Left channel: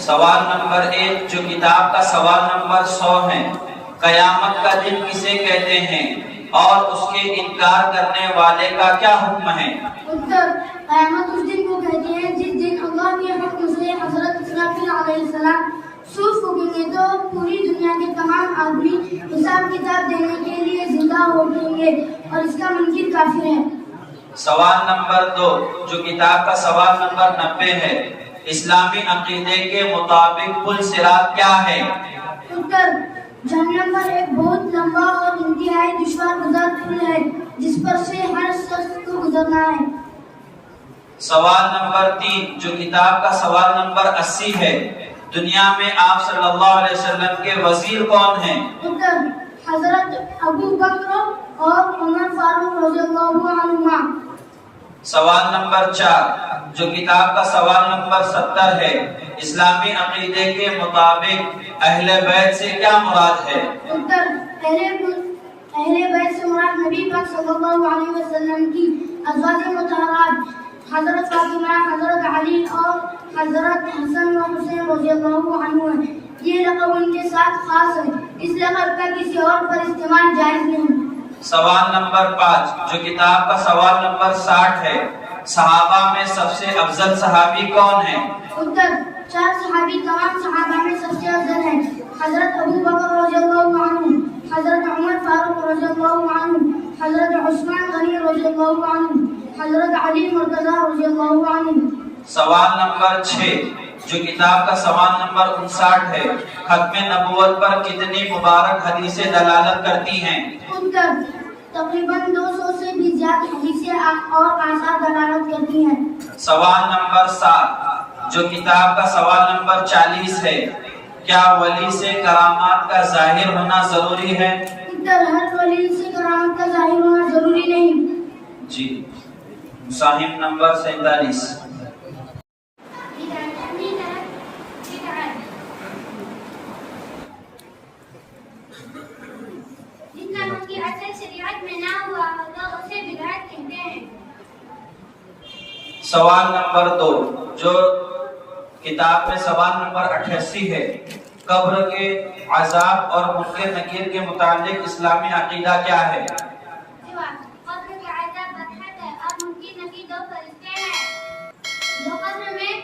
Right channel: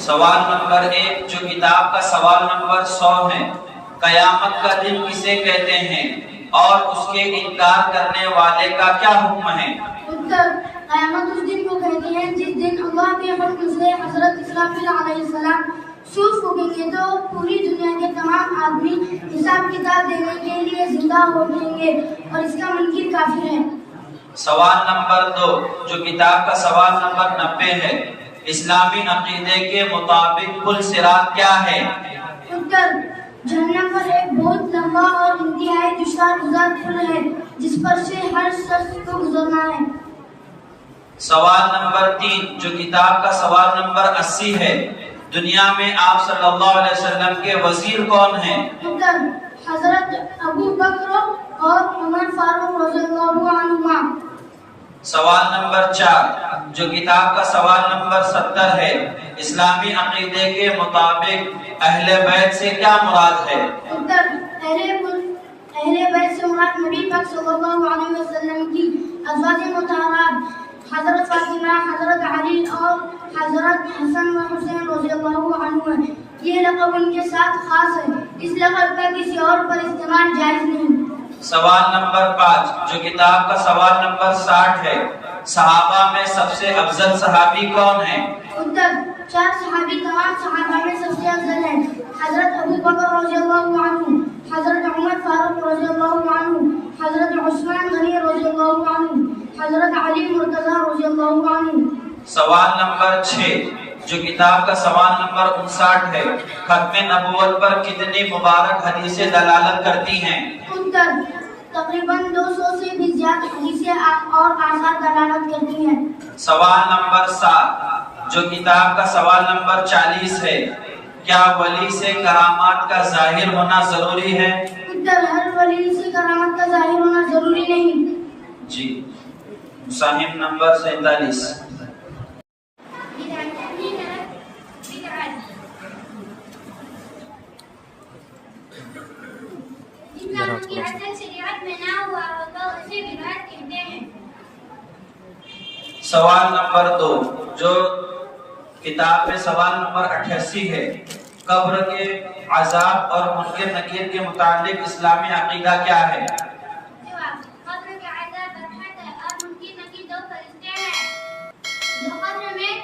سوال نمبر 1 جو کتاب کا سوال نمبر 100 ہے، قیامت کا دن کسے کہتے ہیں اور اس کے انکار کرنے والے کا کیا حکم ہے؟ قیامت اس دن کو کہتے ہیں جس دن اللہ کے حکم سے حضرت اسرافیل علیہ السلام سوف پھونکیں گے تو پوری دنیا کے تمام آدمی حساب کتاب دینے کے لیے زندہ ہو جائیں گے اور اس کا منکر کافر ہے۔ سوال نمبر 2 جو کتاب کا سوال نمبر 90 ہے، اسلامی عقیدے کے مطابق پل صراط کیا ہے؟ جہنم پر ایک بہت لمبا اور انتہائی دشوار گزر پل ہے جس پر سے ہر شخص کو گزرنا ہے۔ سوال نمبر 3 جو کتاب کا سوال نمبر 80 ہے، دنیا میں آپ صلی اللہ علیہ وسلم کے وزیر کون ہیں؟ حضرت ابو بکر اور عمر فاروق رضی اللہ عنہما۔ سوال نمبر 4 جو کتاب کا سوال نمبر 70 ہے، اسلامی عقیدے کے مطابق اہل بیت سے کیا مراد ہے؟ اہل بیت سے مراد نبی پاک صلی اللہ علیہ وسلم کی ازواج مطہرات حضرت فاطمہ، حضرت علی اور حضرت حسن و حسین رضی اللہ عنہ ہیں۔ یہ لقب ان کے ساتھ خاص ہے، اس لقب کا کسی اور پر استعمال جائز نہیں۔ سوال نمبر 5 جو کتاب کا سوال نمبر 60 ہے، صحابہ میں سب سے افضل صحابی کون ہیں؟ 4 صحابی تمام صحابہ میں سب سے افضل ہیں۔ حضرت ابو بکر رضی اللہ عنہ، حضرت عمر فاروق رضی اللہ عنہ، حضرت عثمان غنی رضی اللہ عنہ، حضرت علی مرتضی رضی اللہ عنہ۔ سوال نمبر 6 جو کتاب کا سوال نمبر 59 ہے، ختم نبوت پر کتنی مبارک حدیثیں دلالت کرتی ہیں؟ تقریباً 200 سے بھی زیادہ حدیثیں اور آثار دلالت کرتی ہیں۔ سوال نمبر 7 جو کتاب کا سوال نمبر 40 ہے، کیا ولی سے کرامات کا ظاہر ہونا ضروری ہے؟ ہر ولی سے کرامت کا ظاہر ہونا ضروری نہیں۔ جی، مصاحف نمبر 47۔ سوال نمبر 2 جو کتاب میں سوال نمبر 88 ہے، قبر کے عذاب اور منکر نکیر کے متعلق اسلامی عقیدہ کیا ہے؟ قبر کے عذاب برحق ہے اور منکر نکیر 2 فرشتے ہیں جو قبر میں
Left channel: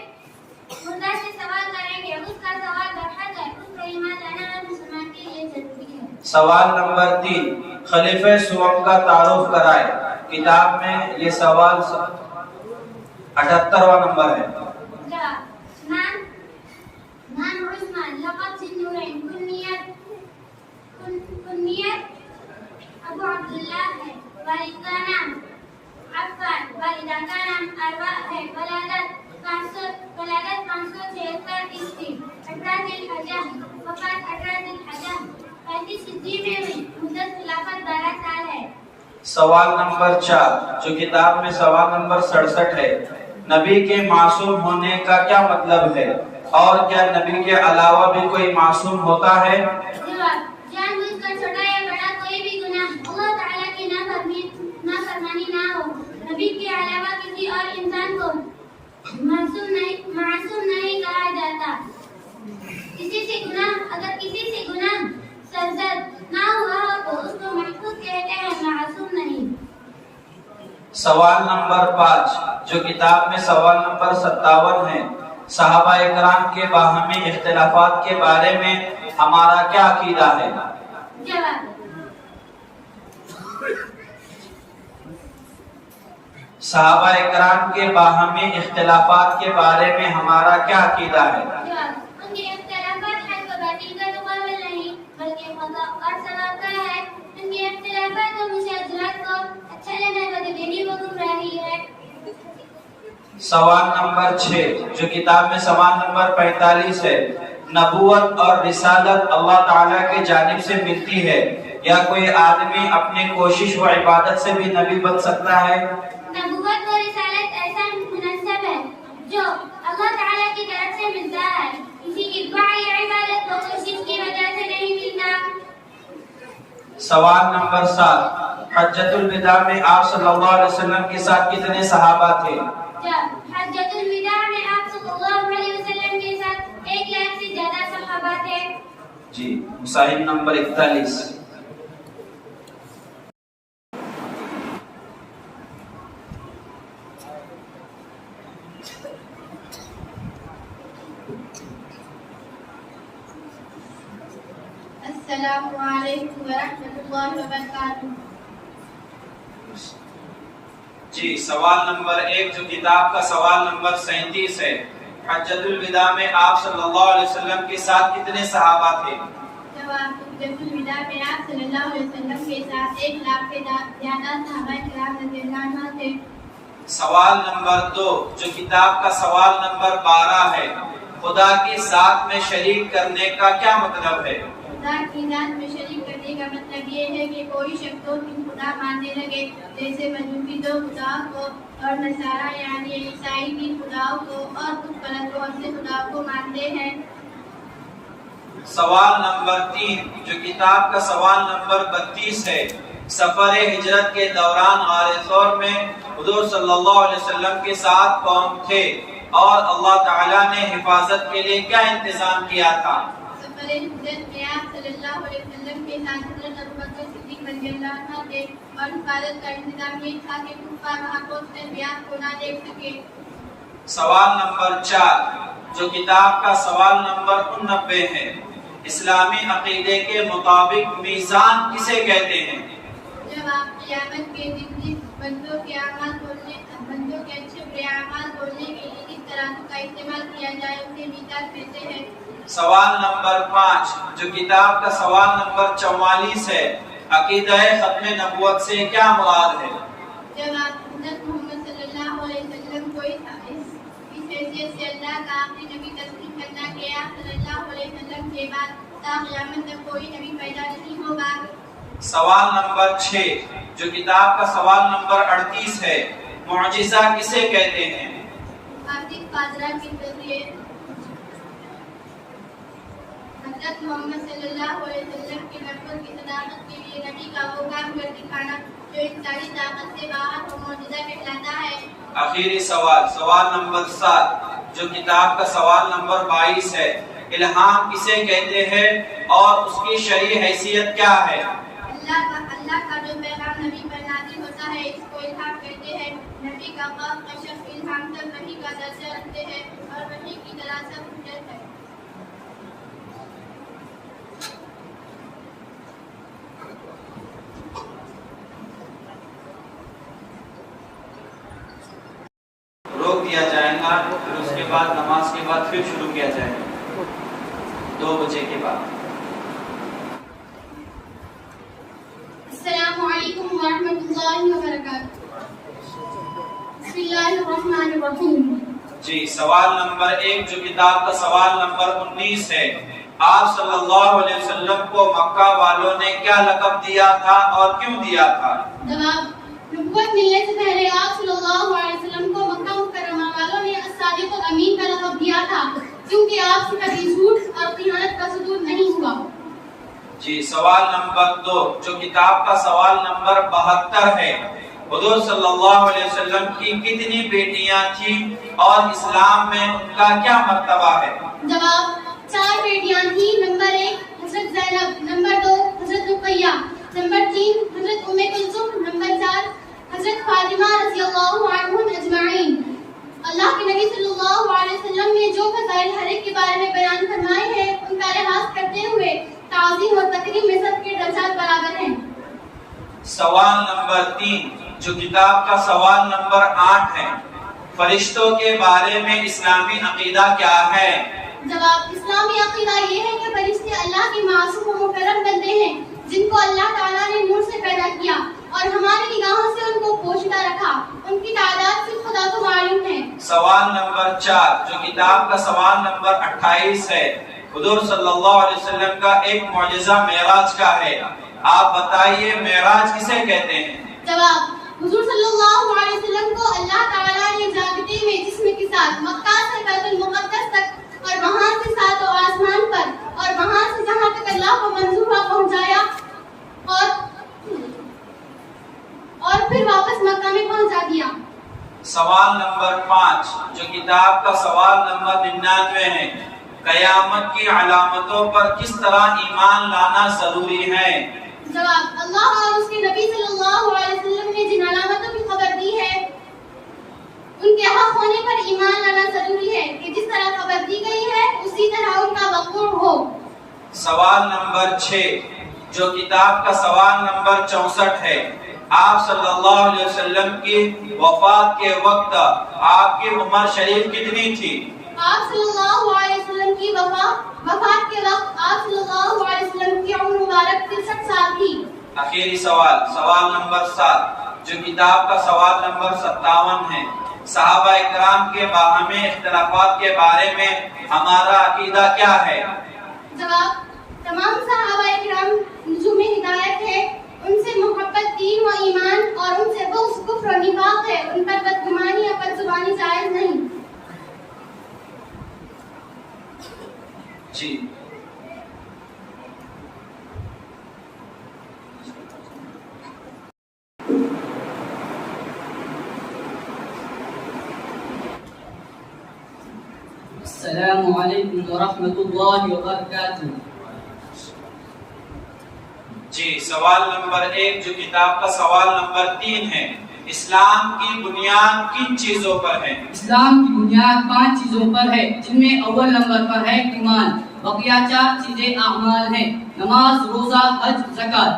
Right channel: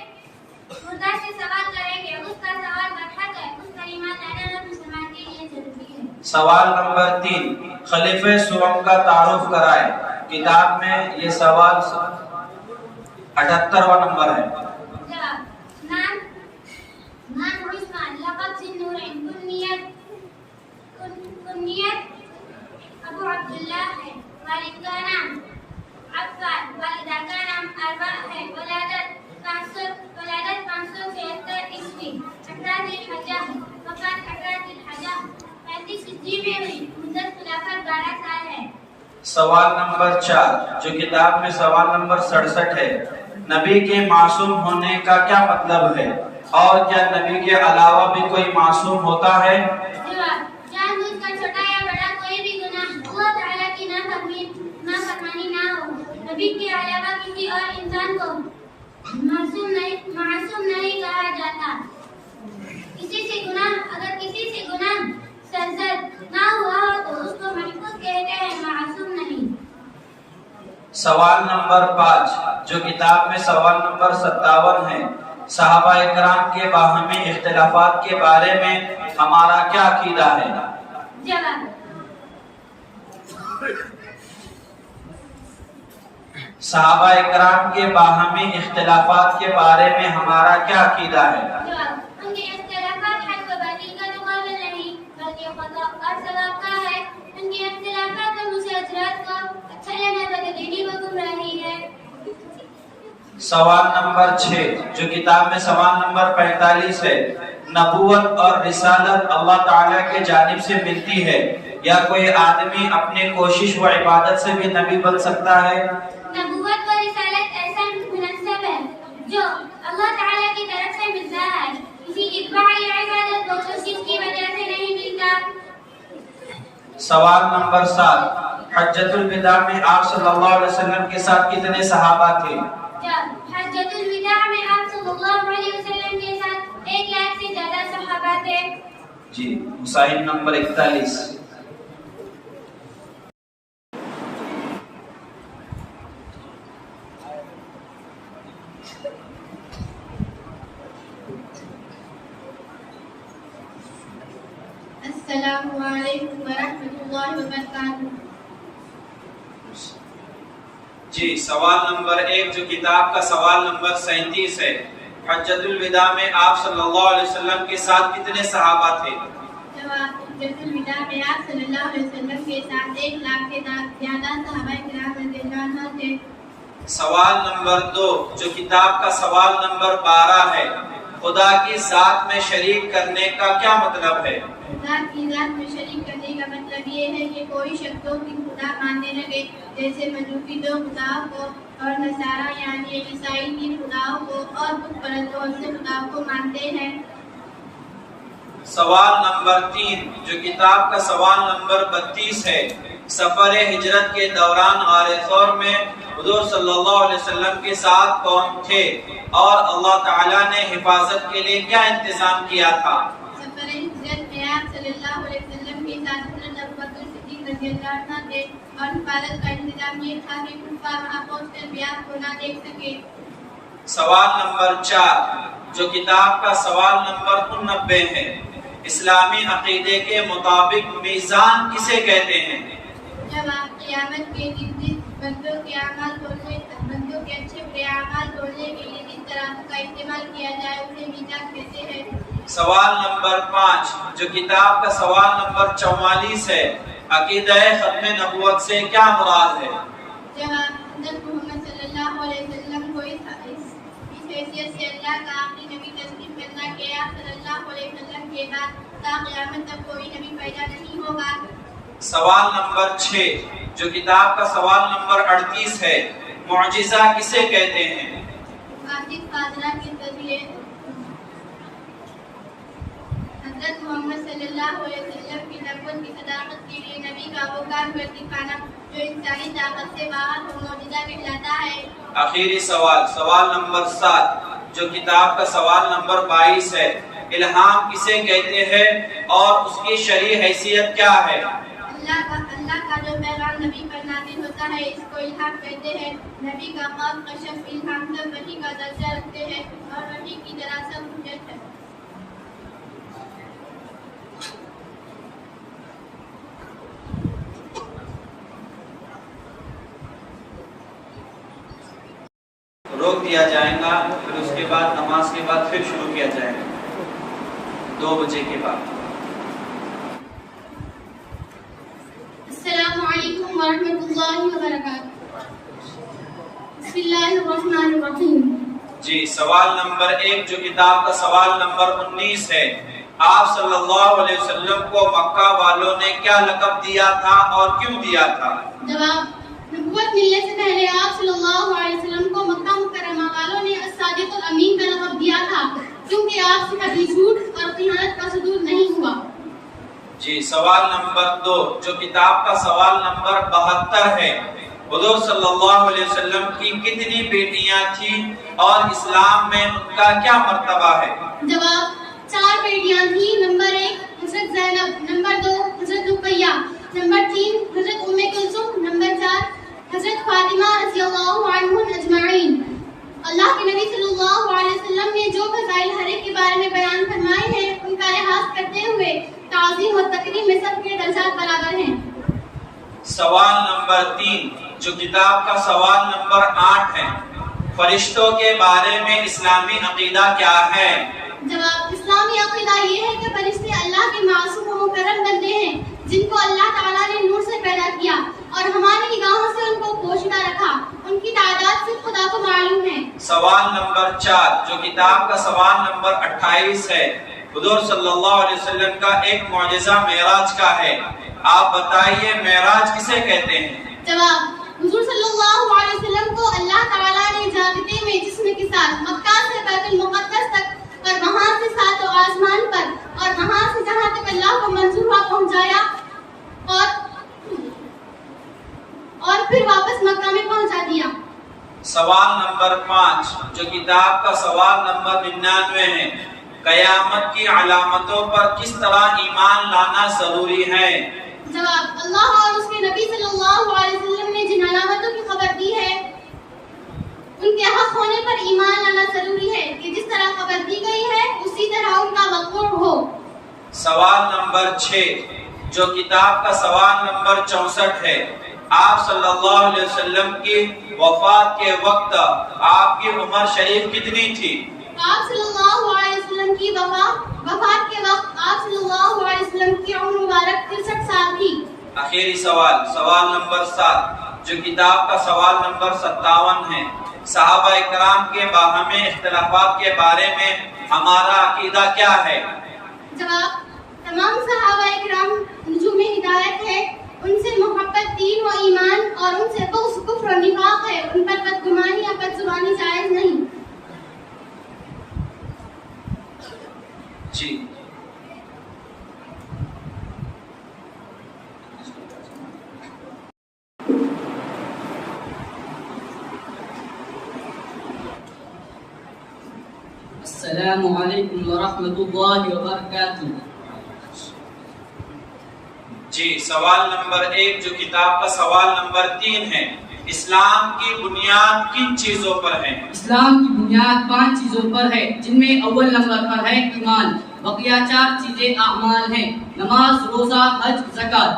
مردہ سے سوال کریں گے، اس کا سوال برحق ہے، اس پر ایمان لانا ہر مسلمان کے لیے ضروری ہے۔ سوال نمبر 3 خلیفہ سوم کا تعارف کرائے، کتاب میں یہ سوال 78واں نمبر ہے۔ نام عثمان، لقب ذی-النورین، کنیت ابو عبداللہ ہے، والد کا نام عفان، والدہ کا نام اروا ہے، ولادت 576 عیسوی، 18 ذی الحجہ، وفات 18 ذی الحجہ، 35 ہجری میں ہوئی، مدت خلافت 12 سال ہے۔ سوال نمبر 4 جو کتاب میں سوال نمبر 67 ہے، نبی کے معصوم ہونے کا کیا مطلب ہے اور کیا نبی کے علاوہ بھی کوئی معصوم ہوتا ہے؟ جان بوجھ کر چھوٹا یا بڑا کوئی بھی گناہ اللہ تعالیٰ کی نافرمانی نہ ہو، نبی کے علاوہ کسی اور انسان کو معصوم نہیں کہا جاتا۔ اگر کسی سے گناہ سرزد نہ ہوا ہو تو اس کو محفوظ کہتے ہیں، معصوم نہیں۔ سوال نمبر 5 جو کتاب میں سوال نمبر 57 ہے، صحابہ اکرام کے باہمی اختلافات کے بارے میں ہمارا کیا عقیدہ ہے؟ جواب، صحابہ اکرام کے باہمی اختلافات کے بارے میں ہمارا کیا عقیدہ ہے؟ ان کے اختلافات حق و باطل کا مقابل نہیں بلکہ خطا اور ثواب کا ہے۔ ان کے اختلافات اور مشاجرات کو اچھا لینا بددینی و گمراہی ہے۔ سوال نمبر 6 جو کتاب میں سوال نمبر 45 ہے، نبوت اور رسالت اللہ تعالیٰ کے جانب سے ملتی ہے یا کوئی آدمی اپنی کوشش و عبادت سے بھی نبی بن سکتا ہے؟ نبوت و رسالت ایسا منصب ہے جو اللہ تعالیٰ کی طرف سے ملتا ہے، کسی اتباع یا عبادت و کوشش کی وجہ سے نہیں ملتا۔ سوال نمبر 7 حجۃ الوداع میں آپ صلی اللہ علیہ وسلم کے ساتھ کتنے صحابہ تھے؟ حجۃ الوداع میں آپ صلی اللہ علیہ وسلم کے ساتھ 1 جی مصاحف نمبر 41. السلام علیکم ورحمۃ اللہ وبرکاتہ. جی سوال نمبر 1 جو کتاب کا سوال نمبر 37 ہے. حجۃ الوداع میں آپ صلی اللہ علیہ وسلم کے ساتھ کتنے صحابہ تھے؟ جواب: حجۃ الوداع میں آپ صلی اللہ علیہ وسلم کے ساتھ 1 لاکھ سے زیادہ صحابہ کرام رضی اللہ عنہ تھے. سوال نمبر 2 جو کتاب کا سوال نمبر 12 ہے. خدا کی ذات میں شریک کرنے کا کیا مطلب ہے؟ خدا کی ذات میں شریک کرنے کا مطلب یہ ہے کہ کوئی شخص دو تین خدا ماننے لگے، جیسے مجوسی 2 خداؤں کو اور نصارہ یعنی عیسائی 3 خداؤں کو اور بت پرست بہت سے خداؤں کو مانتے ہیں. سوال نمبر 3 جو کتاب کا سوال نمبر 32 ہے. سفر ہجرت کے دوران غار ثور میں حضور صلی اللہ علیہ وسلم کے ساتھ کون تھے اور اللہ تعالیٰ نے حفاظت کے لیے کیا انتظام کیا تھا؟ سفر ہجرت میں آپ صلی اللہ علیہ وسلم کے ساتھ حضرت ابوبکر صدیق رضی اللہ عنہ تھے اور حفاظت کا انتظام یہ تھا کہ کفار وہاں پہنچ کر بھی آپ کو نہ دیکھ سکے. سوال نمبر 4 جو کتاب کا سوال نمبر 89 ہے. اسلامی عقیدے کے مطابق میزان کسے کہتے ہیں؟ جواب: قیامت کے دن بندوں کے اعمال تولنے، بندوں کے اچھے برے اعمال تولنے کے لیے جس ترازو کا استعمال کیا جائے اسے میزان کہتے ہیں. سوال نمبر 5 جو کتاب کا سوال نمبر 44 ہے. عقیدہ ختم نبوت سے کیا مراد ہے؟ جواب: حضرت محمد صلی اللہ علیہ وسلم کو اس حیثیت سے اللہ کا آخری نبی تسلیم کرنا کہ آپ صلی اللہ علیہ وسلم کے بعد تا قیامت تک کوئی نبی پیدا نہیں ہوگا. سوال نمبر 6 جو کتاب کا سوال نمبر 38 ہے. معجزہ کسے کہتے ہیں؟ آصف قادرہ کے ذریعے حضرت محمد صلی اللہ علیہ وسلم کی نبوت کی صداقت کے لیے نبی کا وہ کام کر دکھانا جو انسانی طاقت سے باہر وہ معجزہ کہلاتا ہے. آخری سوال سوال نمبر 7 جو کتاب کا سوال نمبر 22 ہے. الہام کسے کہتے ہیں اور اس کی شرعی حیثیت کیا ہے؟ اللہ کا جو پیغام نبی پر نازل ہوتا ہے اس کو الہام کہتے ہیں. نبی کا خاص کشف الہام سب وحی کا درجہ رکھتے ہیں اور وحی کی طرح سب حجت ہے. روک دیا جائے گا پھر اس کے بعد نماز کے بعد پھر شروع کیا جائے گا 2 بجے کے بعد. السلام علیکم ورحمۃ اللہ وبرکاتہ. بسم اللہ الرحمن الرحیم. جی سوال نمبر 1 جو کتاب کا سوال نمبر 19 ہے. آپ صلی اللہ علیہ وسلم کو مکہ والوں نے کیا لقب دیا تھا اور کیوں دیا تھا؟ جواب: نبوت ملنے سے پہلے آپ صلی اللہ علیہ وسلم کو مکہ مکرمہ والوں نے الصادق الامین کا لقب دیا تھا کیونکہ آپ سے کبھی جھوٹ اور خیانت کا صدور نہیں ہوا. جی سوال نمبر 2 جو کتاب کا سوال نمبر 72 ہے. حضور صلی اللہ علیہ وسلم کی کتنی بیٹیاں تھیں اور اسلام میں ان کا کیا مرتبہ ہے؟ جواب: 4 بیٹیاں تھیں. نمبر 1 حضرت زینب، نمبر 2 حضرت رقیہ، نمبر 3 حضرت ام کلثوم، نمبر 4 حضرت فاطمہ رضی اللہ عنہم اجمعین. اللہ کے نبی صلی اللہ علیہ وسلم نے جو فضائل ہر ایک کے بارے میں بیان فرمائے ہیں ان کا لحاظ کرتے ہوئے تعظیم و تکریم میں سب کے درجات برابر ہیں. سوال نمبر 3 جو کتاب کا سوال نمبر 8 ہے. فرشتوں کے بارے میں اسلامی عقیدہ کیا ہے؟ جواب: اسلامی عقیدہ یہ ہے کہ فرشتے اللہ کے معصوم و مکرم بندے ہیں جن کو اللہ تعالیٰ نے نور سے پیدا کیا اور ہماری نگاہوں سے ان کو پوشیدہ رکھا. ان کی تعداد صرف خدا کو معلوم ہے. سوال نمبر 4 جو کتاب کا سوال نمبر 28 ہے. حضور صلی اللہ علیہ وسلم کا ایک معجزہ معراج کا ہے. آپ بتائیے معراج کسے کہتے ہیں؟ جواب: حضور صلی اللہ علیہ وسلم کو اللہ تعالیٰ نے جاگتے ہوئے جسم کے ساتھ مکہ سے بیت المقدس تک اور وہاں سے 7 آسمان پر اور وہاں سے جہاں تک اللہ کو منظور ہوا پہنچایا اور پھر واپس مکہ میں پہنچا دیا. سوال نمبر 5 جو کتاب کا سوال نمبر 99 ہے. قیامت کی علامتوں پر کس طرح ایمان لانا ضروری ہے؟ جواب: اللہ اور اس کے نبی صلی اللہ علیہ وسلم نے جن علامتوں کی خبر دی ہے ان کے حق ہونے پر ایمان لانا ضروری ہے کہ جس طرح خبر دی گئی ہے اسی طرح ان کا وقوع ہو۔ سوال نمبر 6 جو کتاب کا سوال نمبر 64 ہے، آپ صلی اللہ علیہ وسلم کی وفات کے وقت آپ کی عمر شریف کتنی تھی؟ آپ صلی اللہ علیہ وسلم کی وفات کے وقت آپ صلی اللہ علیہ وسلم کی عمر مبارک 63 سال تھی۔ آخری سوال نمبر 7 جو کتاب کا سوال نمبر 57 ہے، صحابہ اکرام کے باہمی اختلافات کے بارے میں ہمارا عقیدہ کیا ہے؟ جواب: تمام صحابہ اکرام نجوم ہدایت ہے، ان سے محبت دین و ایمان اور ان سے بغض کفر و نفاق ہے، ان پر بدگمانی یا بدزبانی جائز نہیں۔ جی السلام علیکم ورحمۃ اللہ وبرکاتہ۔ جی سوال نمبر 1 جو کتاب کا سوال نمبر 3 ہے، اسلام کی بنیاد کن چیزوں پر ہے؟ اسلام کی بنیاد 5 چیزوں پر ہے، جن میں اول نمبر پر ہے ایمان، بقیہ 4 چیزیں اعمال ہیں: نماز، روزہ، حج، زکوٰۃ۔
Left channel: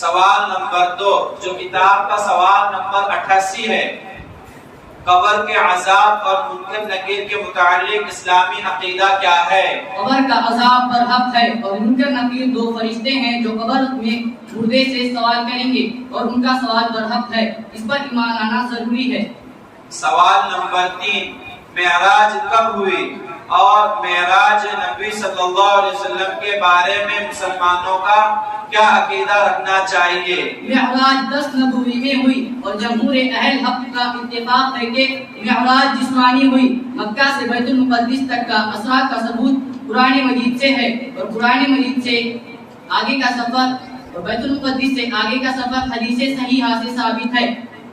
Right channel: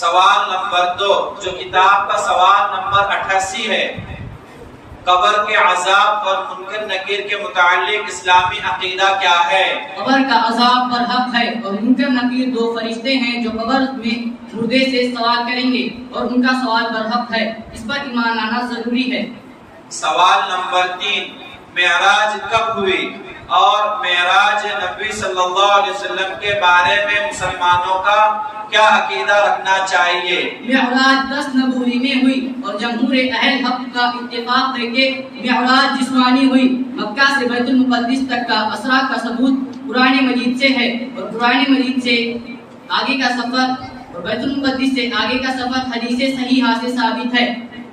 سوال نمبر 2 جو کتاب کا سوال نمبر 88 ہے، قبر کے عذاب اور منکر نکیر کے متعلق اسلامی عقیدہ کیا ہے؟ قبر کا عذاب پر حق ہے اور منکر نکیر 2 فرشتے ہیں جو قبر میں مردے سے سوال کریں گے اور ان کا سوال پر حق ہے، اس پر ایمان لانا ضروری ہے۔ سوال نمبر 3 معراج کب ہوئی اور معراج نبی صلی اللہ علیہ وسلم کے بارے میں مسلمانوں کا کیا عقیدہ رکھنا چاہیے؟ معراج 10 نبوی میں ہوئی اور جمہور اہل حق کا اتفاق ہے کہ معراج جسمانی ہوئی۔ مکہ سے بیت المقدس تک کا اسرا کا ثبوت قرآن مجید سے ہے اور قرآن مجید سے آگے کا سفر اور بیت المقدس سے آگے کا سفر حدیث صحیحہ سے ثابت ہے،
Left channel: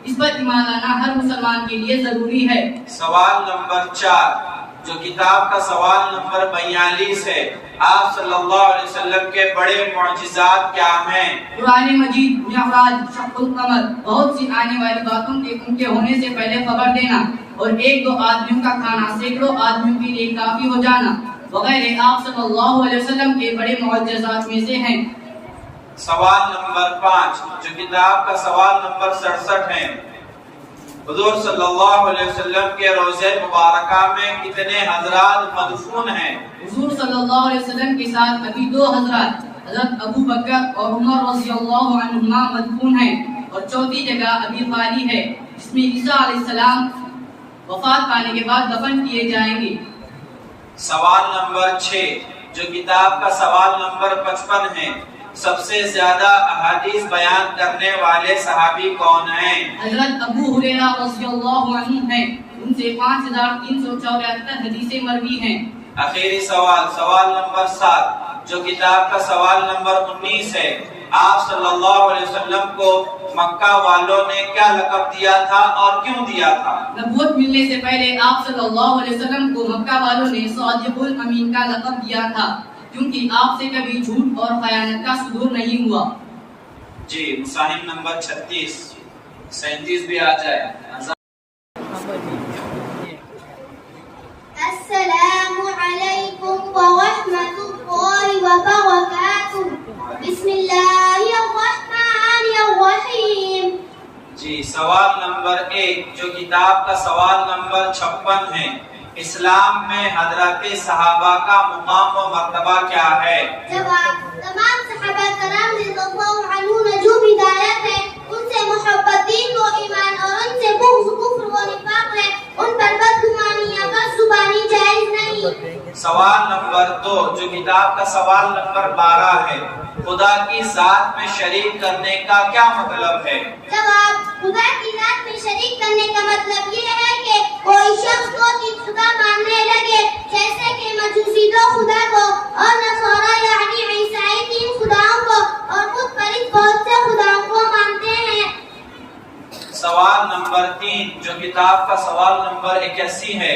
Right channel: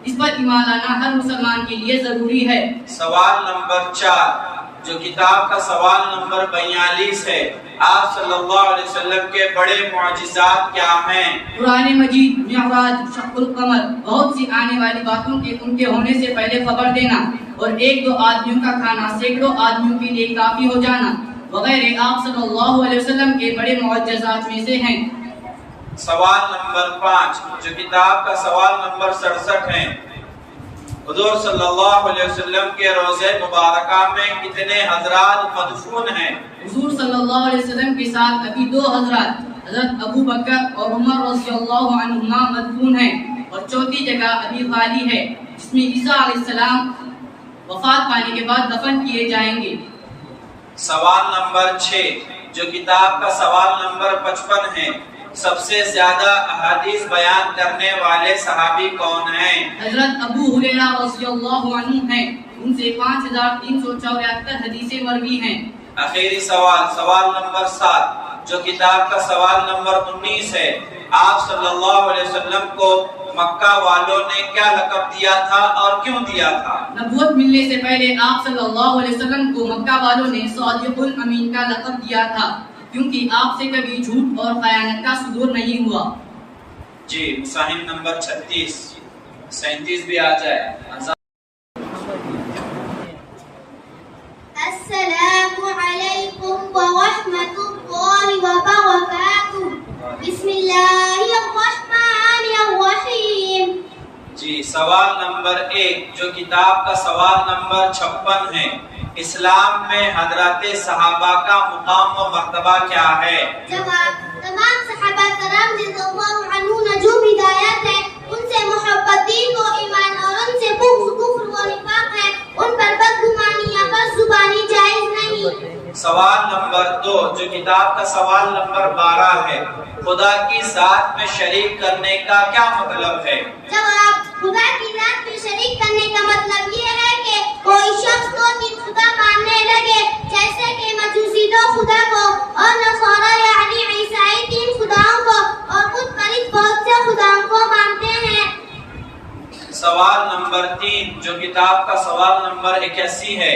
اس پر ایمان لانا ہر مسلمان کے لیے ضروری ہے۔ سوال نمبر 4 جو کتاب کا سوال نمبر 42 ہے، آپ صلی اللہ علیہ وسلم کے بڑے معجزات کیا ہیں؟ قرآن مجید، معراج، شق القمر، بہت سی آنے والی باتوں کے ان کے ہونے سے پہلے خبر دینا اور 1-2 آدمیوں کا کھانا سینکڑوں آدمیوں کے لیے کافی ہو جانا وغیرہ آپ صلی اللہ علیہ وسلم کے بڑے معجزات میں سے ہیں۔ سوال نمبر 5 جو کتاب کا سوال نمبر 67 ہے، حضور صلی اللہ علیہ وسلم کے روضہ مبارکہ میں کتنے حضرات مدفون ہیں؟ حضور صلی اللہ علیہ وسلم کے ساتھ ابھی 2 حضرات حضرت ابو بکر اور عمر رضی اللہ عنہما مدفون ہیں اور چوتھی جگہ ابھی خالی ہے جس میں عیسیٰ علیہ السلام وفات پانے کے بعد دفن کیے جائیں گے۔ سوال نمبر 6 جو کتاب کا سوال نمبر 55 ہے، سب سے زیادہ احادیث بیان کرنے والے صحابی کون ہیں؟ حضرت ابو ہریرہ رضی اللہ عنہ ہیں، ان سے 5374 حدیثیں مروی ہیں۔ آخری سوال نمبر 7 جو کتاب کا سوال نمبر 19 ہے، آپ صلی اللہ علیہ وسلم کو مکہ والوں نے کیا لقب دیا تھا اور کیوں دیا تھا؟ نبوت ملنے سے پہلے آپ صلی اللہ علیہ وسلم کو مکہ والوں نے صادق الامین کا لقب دیا تھا کیونکہ آپ سے کبھی جھوٹ اور خیانت کا صدور نہیں ہوا۔ جی مساہم نمبر 36 37 بھی آ جائے۔ السلام علیکم ورحمۃ اللہ وبرکاتہ۔ بسم اللہ الرحمن الرحیم۔ جی سوال نمبر 1 جو کتاب کا سوال نمبر 56 ہے، اسلام میں حضرات صحابہ کا مقام و مرتبہ کیا ہے؟ جواب: تمام صحابہ کرام رضی اللہ عنہ نجوم ہدایت ہے، ان سے محبت دین و ایمان اور ان سے بغض کفر و نفاق ہے، ان پر بدگمانی یا بدزبانی جائز نہیں۔ سوال نمبر 2 جو کتاب کا سوال نمبر 12 ہے، خدا کی ذات میں شریک کرنے کا کیا مطلب ہے؟ جواب: خدا کی ذات میں شریک کرنے کا مطلب یہ ہے کہ کوئی شخص کو تین خدا ماننے لگے، جیسے کہ مجوسی 2 خدا کو اور نصارہ یعنی عیسائی 3 خداؤں کو اور خود پرست بہت سے خداؤں کو مانتے ہیں۔ سوال نمبر 3 جو کتاب کا سوال نمبر 81 ہے،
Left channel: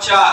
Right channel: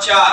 4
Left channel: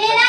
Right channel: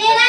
13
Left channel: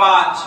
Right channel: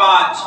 5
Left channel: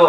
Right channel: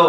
2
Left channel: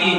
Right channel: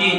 3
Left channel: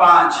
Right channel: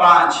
5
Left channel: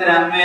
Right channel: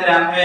93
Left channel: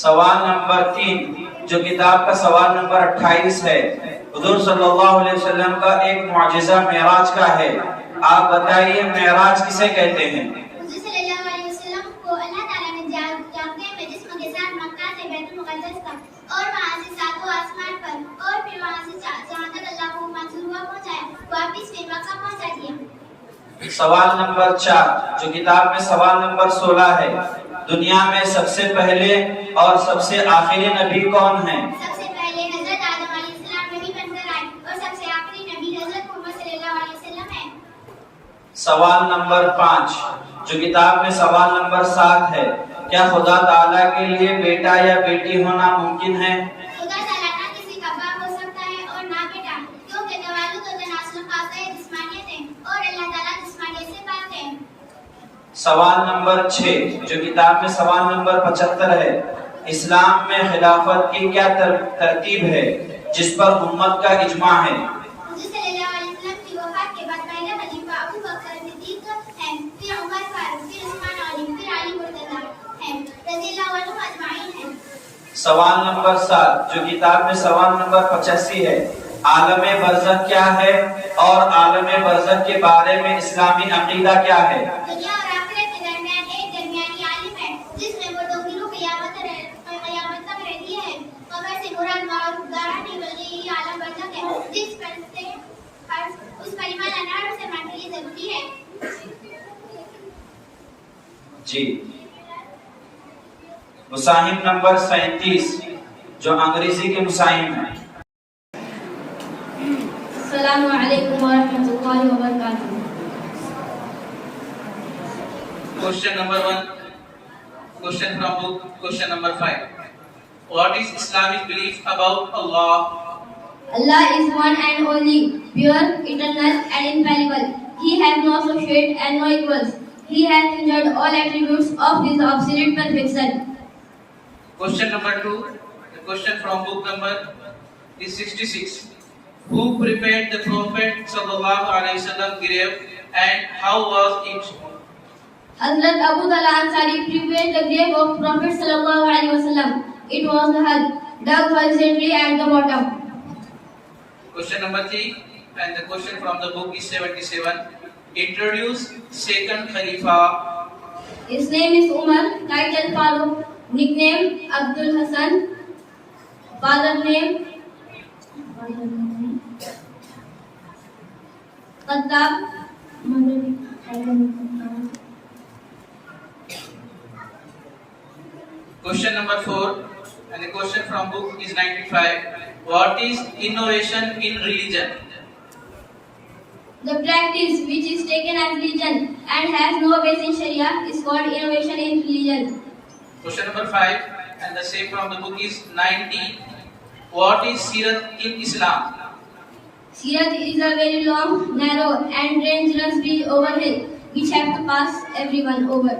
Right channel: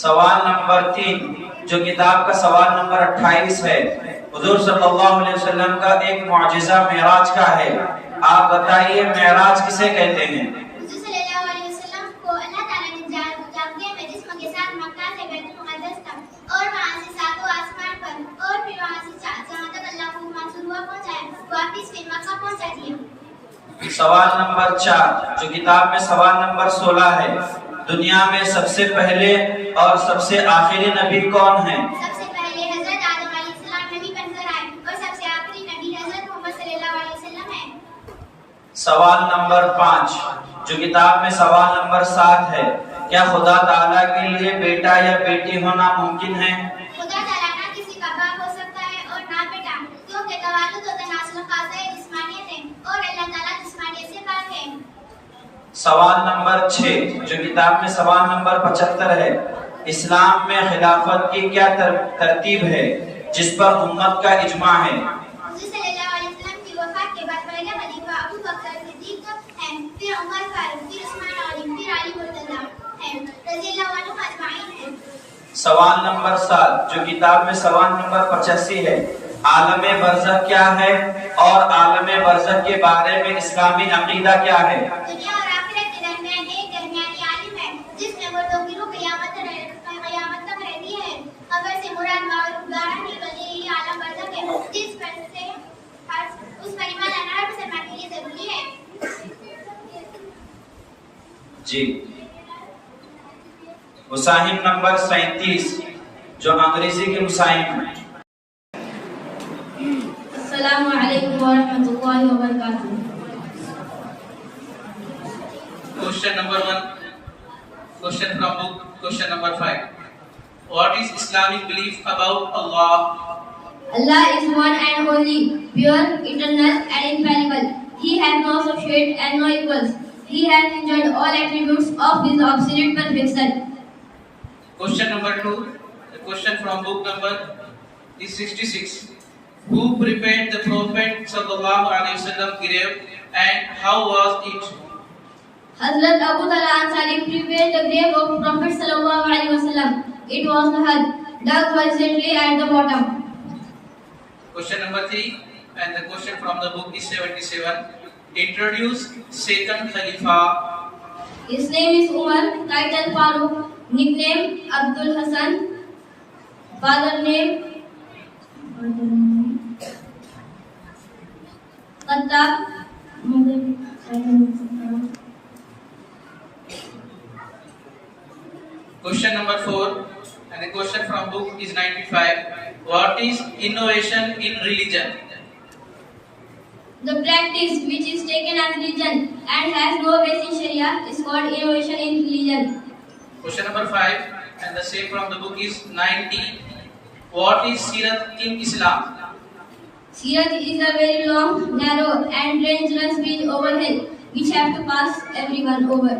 سوال نمبر 3 جو کتاب کا سوال نمبر 28 ہے، حضور صلی اللہ علیہ وسلم کا ایک معجزہ معراج کا ہے، آپ بتائیے معراج کسے کہتے ہیں؟ حضور صلی اللہ علیہ وسلم کو اللہ تعالیٰ نے جاگتے میں جسم کے ساتھ مکہ سے بیت المقدس تک اور وہاں سے ساتوں آسمان پر اور پھر وہاں سے جہاں تک اللہ کو منظور ہوا پہنچایا، واپس پھر مکہ پہنچا دیا۔ سوال نمبر 4 جو کتاب میں سوال نمبر 16 ہے، دنیا میں سب سے پہلے اور سب سے آخری نبی کون ہیں؟ سب سے پہلے حضرت آدم علیہ السلام نبی بن کر آئے اور سب سے آخری نبی حضرت محمد صلی اللہ علیہ وسلم ہیں۔ سوال نمبر 5 جو کتاب میں سوال نمبر 7 ہے، کیا خدا تعالیٰ کے لیے بیٹا یا بیٹی ہونا ممکن ہے؟ خدا تعالیٰ نہ کسی کا باپ ہو سکتا ہے اور نہ بیٹا، کیونکہ توالد و تناسل خاصہ جسمانیت ہے اور اللہ تعالیٰ جسمانیت سے پاک ہے۔ سوال نمبر 6 جو کتاب میں سوال نمبر 75 ہے، اسلام میں خلافت کی کیا ترتیب ہے جس پر امت کا اجماع ہے؟ حضور صلی اللہ علیہ وسلم کی وفات کے بعد پہلا خلیفہ ابو بکر صدیق ہے، پھر عمر فاروق، پھر عثمان غنی، پھر علی مرتضیٰ ہے رضی اللہ عنہم اجمعین ہے۔ سوال نمبر 7 جو کتاب میں سوال نمبر 85 ہے، عالم برزخ کیا ہے اور عالم برزخ کے بارے میں اسلامی عقیدہ کیا ہے؟ دنیا اور آخرت کے درمیان ایک درمیانی عالم ہے جس میں وہ دو گروہ قیامت تک رہتی ہے۔ قبر سے مراد معروف گاہا نہیں بلکہ یہی عالم برزخ ہے جس پر سے اس پر ایمان لانا ہر مسلمان کے لیے ضروری ہے۔ جی مساہم نمبر 37 جو انگریزی کے مساہم ہیں۔ السلام علیکم ورحمۃ اللہ وبرکاتہ۔ Question number 1. Question from book. Question number 5. What is Islamic belief about Allah? Allah is one and only, pure, eternal and infallible. He has no associate and no equals. He has enjoyed all attributes of His absolute perfection. Question number 2. The question from book number is 66. Who prepared the Prophet sallallahu alaihi wasallam grave and how was it? Hazrat Abu Talha Ansari prepared the grave of Prophet sallallahu alaihi wasallam. It was dug horizontally at the bottom. Question number 3. And the question from the book is 77. Introduce second Khalifa. His name is Umar, title Farooq, nickname Abdul Hasan, father name Khattab, mother Question number 4. And the question from book is 95. What is innovation in religion? The practice which is taken as religion and has no base in Sharia is called innovation in religion. Question number 5. And the same from the book is 90. What is Sirat in Islam? Sirat is a very long, narrow and dangerous bridge over hill which have to pass everyone over.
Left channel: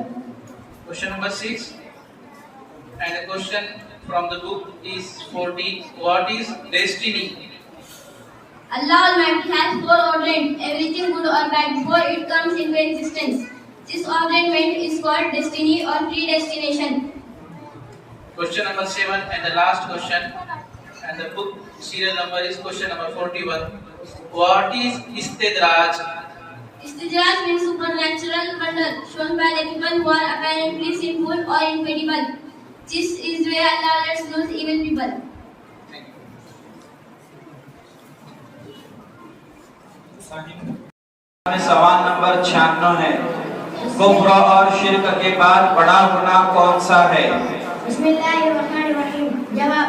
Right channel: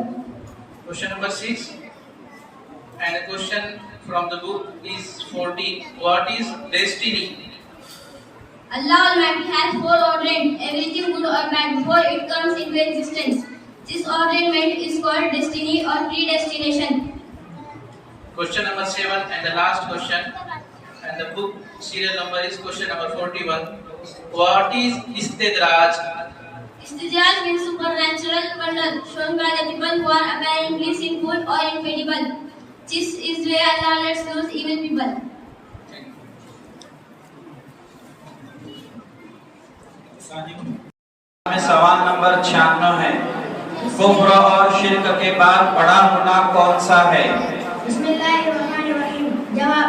Question number 6. And the question from the book is 40. What is destiny? Allah Almighty has foreordained everything good or bad before it comes into existence. This ordainment is called destiny or predestination. Question number 7 and the last question. And the book serial number is question number 41. What is istidraj? Istidraj means supernatural wonder shown by the people who are apparently sinful or incredible. This is where Allah lets loose evil people. میں سوال number 96 ہے، کفر اور شرک کے بعد بڑا گناہ کون سا ہے؟ بسم اللہ الرحمن الرحیم۔ جواب،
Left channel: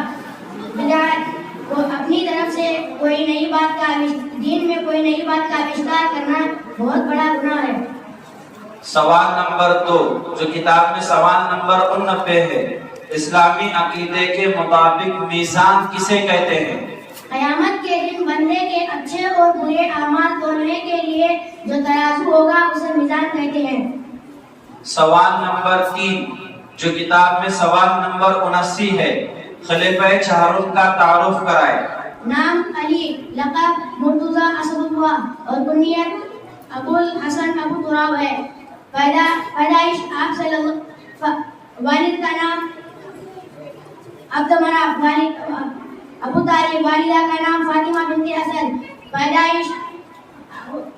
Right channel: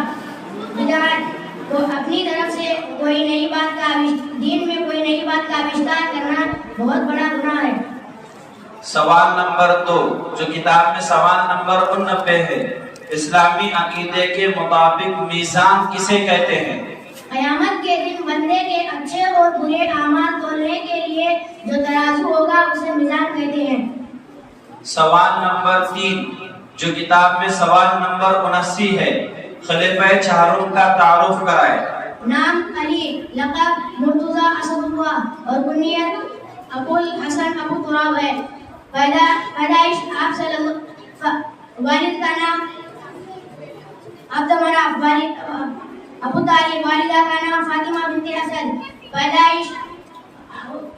بدعت کو اپنی طرف سے کوئی نئی بات کا دین میں کوئی نئی بات کا آوشکار کرنا بہت بڑا گناہ ہے۔ سوال نمبر 2 جو کتاب میں سوال نمبر 89 ہے، اسلامی عقیدے کے مطابق میزان کسے کہتے ہیں؟ قیامت کے دن بندے کے اچھے اور برے اعمال تولنے کے لیے جو ترازو ہوگا اسے میزان کہتے ہیں۔ سوال نمبر 3 جو کتاب میں سوال نمبر 79 ہے، خلیفہ چہارم کا تعارف کرائے۔ نام علی، لقب مرتضی اسد اللہ اور کنیت ابو الحسن ابو تراب ہے۔ پیدائش آپ صلی اللہ، والد کا نام عبد مناف ابو طالب والدہ کا نام فاطمہ بنت اسد پیدائش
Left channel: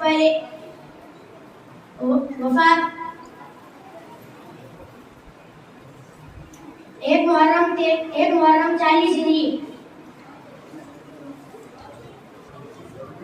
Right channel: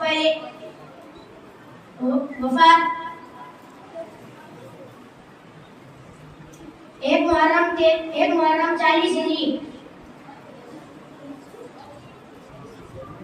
پہلے وفات 1 محرم 40 ہجری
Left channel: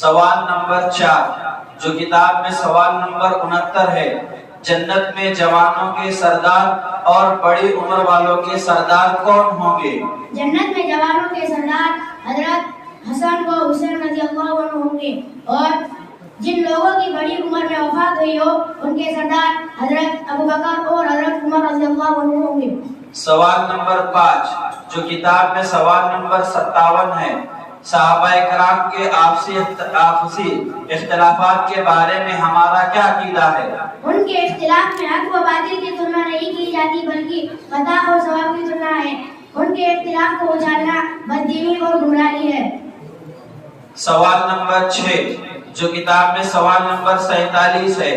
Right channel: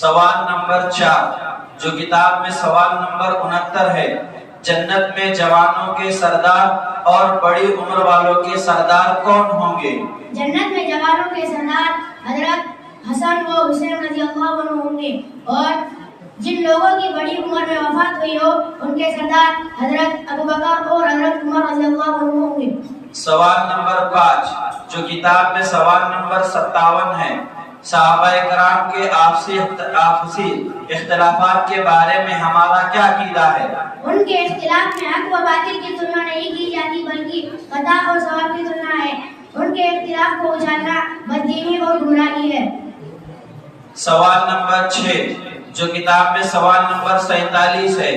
سوال نمبر 4 جو کتاب میں سوال نمبر 69 ہے جنت میں جوانوں کے سردار اور بڑی عمر والوں کے سردار کون ہوں گے؟ جنت میں جوانوں کے سردار حضرت حسن و حسین رضی اللہ عنہ ہوں گے اور جن لوگوں کی بڑی عمر میں وفات ہوئی ہو ان کے سردار حضرت ابوبکر اور حضرت عمر رضی اللہ عنہ ہوں گے۔ سوال نمبر 5 جو کتاب میں سوال نمبر 57 ہے صحابہ کرام کے آپسی اختلافات کے بارے میں ہمارا کیا عقیدہ ہے؟ ان کے اختلاف میں حق و باطل کی تلنا نہیں کی جاتی بلکہ خطا اور ثواب کی تلنا ہے۔ ان کے اختلاف کو اچھالنا بددینی اور گمراہی ہے۔ سوال نمبر 6 جو کتاب میں سوال نمبر 47 ہے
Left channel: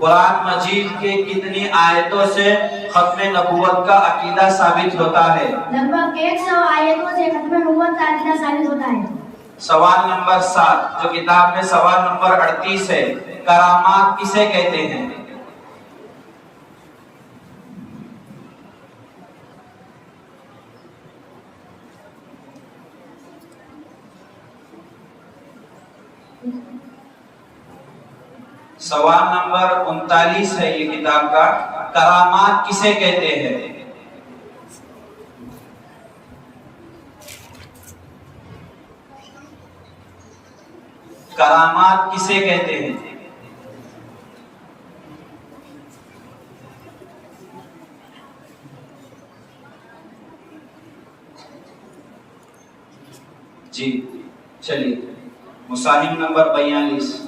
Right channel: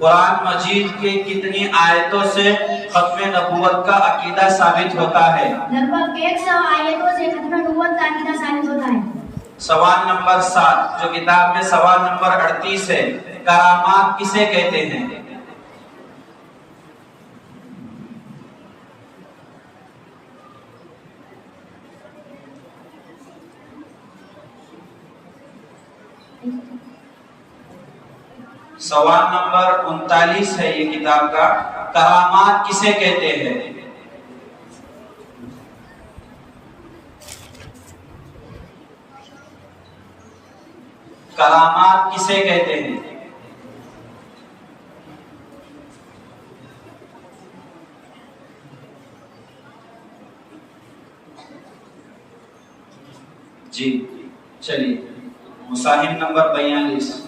قرآن مجید کے کتنی آیتوں سے ختم نبوت کا عقیدہ ثابت ہوتا ہے؟ لگ بھگ 100 آیتوں سے ختم نبوت کا عقیدہ ثابت ہوتا ہے۔ سوال نمبر 7 جو کتاب میں سوال نمبر 38 ہے کرامات کسے کہتے ہیں؟ سوال نمبر 39 ہے یہ کتاب کا کرامات کسے کہتے ہیں؟ کرامات کسے کہتے ہیں؟ جی چلیے مصاحف نمبر 42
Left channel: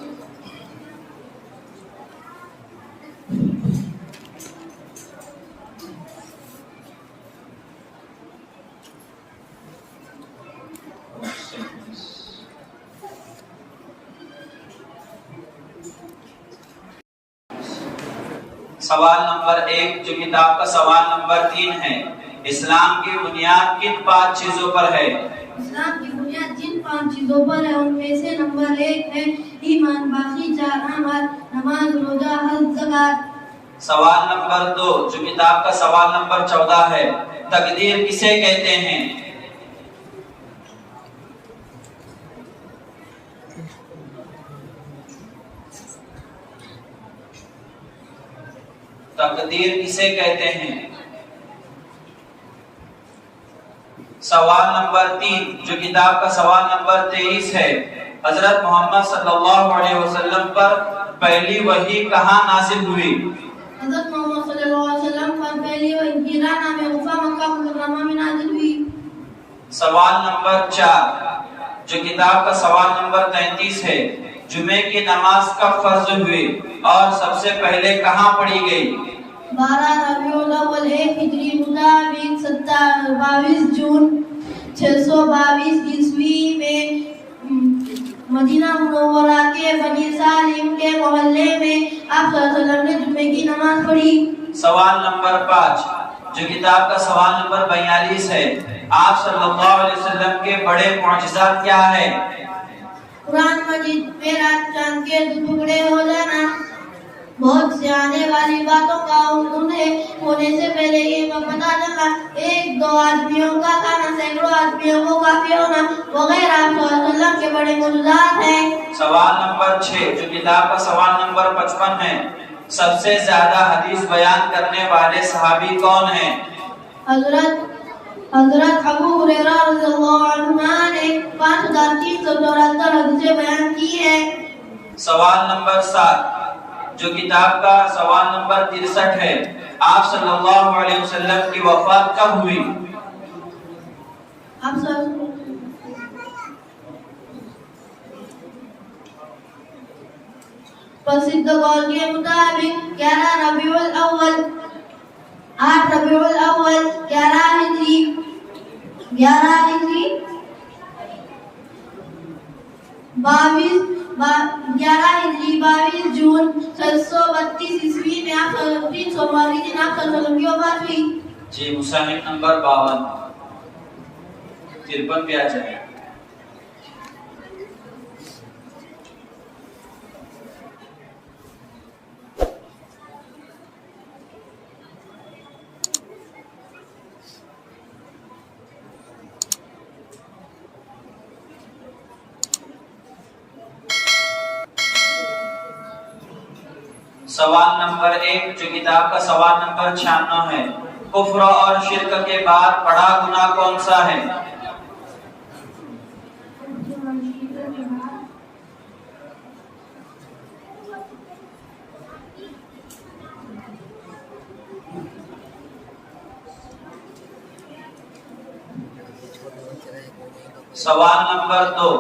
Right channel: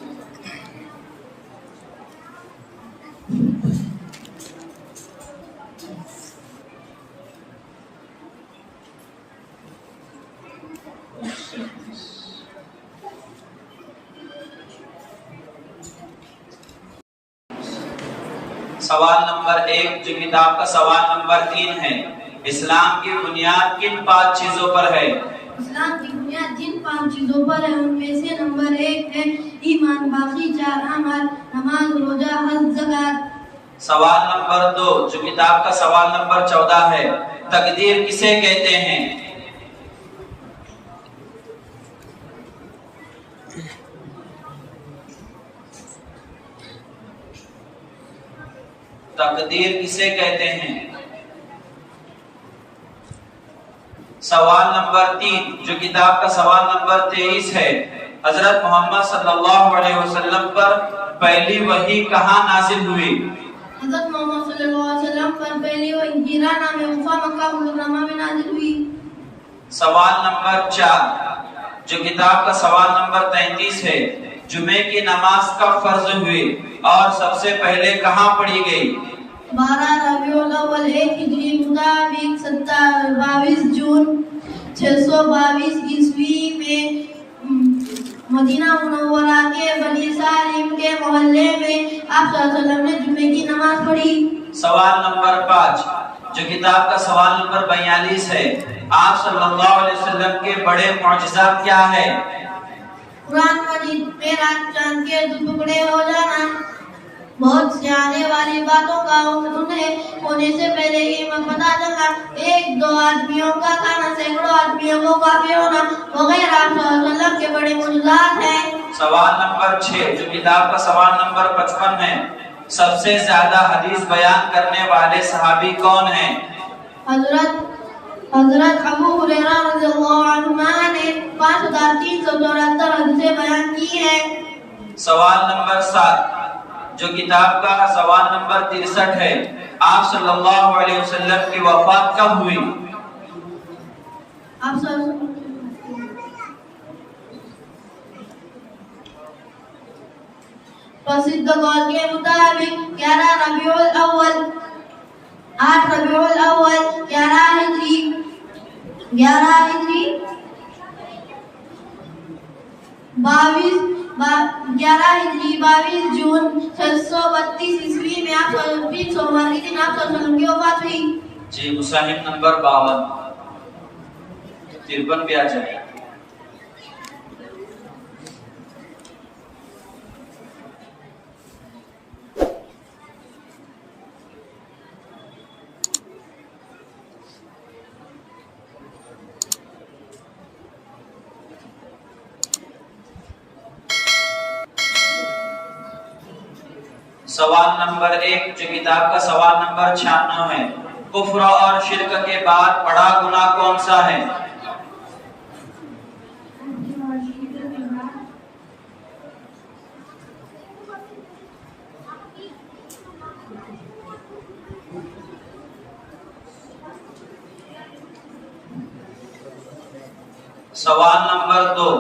سوال نمبر 1 جو کتاب کا سوال نمبر 3 ہے اسلام کی بنیاد کن 5 چیزوں پر ہے؟ اسلام کی بنیاد جن 5 چیزوں پر ہے ان میں سے نمبر 1 ہے ایمان، باقی 4 عمل، نماز، روزہ، حج، زکات۔ سوال نمبر 2 جو کتاب کا سوال نمبر 14 ہے تقدیر کسے کہتے ہیں؟ تقدیر کسے کہتے ہیں؟ سوال نمبر 3 جو کتاب کا سوال نمبر 23 ہے حضرت محمد صلی اللہ علیہ وسلم پر پہلی وحی کہاں نازل ہوئی؟ حضرت محمد صلی اللہ علیہ وسلم پر پہلی وحی ہجرہ نام غفا مکہ مکرمہ میں نازل ہوئی۔ سوال نمبر 4 جو کتاب کا سوال نمبر 33 ہے جمعے کی نماز کب فرض ہوئی اور سب سے پہلے کہاں پڑھی گئی؟ 12 ربیع الاول 1 ہجری مطابق 22 جون 622 عیسوی میں مدینہ منورہ کے بنی سالم کے محلے میں آپ صلی اللہ علیہ وسلم نے جمعے کی نماز پڑھی۔ سوال نمبر 5 جو کتاب کا سوال نمبر 42 ہے آپ صلی اللہ علیہ وسلم کے بڑے معجزات کیا ہے؟ قرآن مجید میں رات چاند کے 2 ٹکڑے ہو جانا، بہت سے آنے والی باتوں کا انہیں ہونے سے پہلے ہی پتہ چلنا، 1-2 آدمیوں کا کھانا سینکڑوں آدمیوں کو کافی ہونا وغیرہ آپ صلی اللہ علیہ وسلم کے بڑے معجزات ہیں۔ سوال نمبر 6 جو کتاب کا سوال نمبر 55 ہے سب سے زیادہ حدیث بیان کرنے والے صحابی کون ہیں؟ حضرت ابو ہریرہ رضی اللہ عنہ نے 5374 حدیثیں بیان کی ہیں۔ سوال نمبر 7 جو کتاب کا سوال نمبر 63 ہے آپ صلی اللہ علیہ وسلم کی وفات کب ہوئی؟ پرسدھ قول کے مطابق 11 ربیع الاول 8 ربیع الاول 11 ہجری 22 11 ہجری 22 جون 732 عیسوی میں آپ صلی اللہ علیہ وسلم کی وفات ہوئی. جی مصنف نمبر 52 53 پہ آ جائے. سوال نمبر 1 جو کتاب کا سوال نمبر 96 ہے. کفر اور شرک کے بعد بڑا گناہ کون سا ہے؟ سوال نمبر 2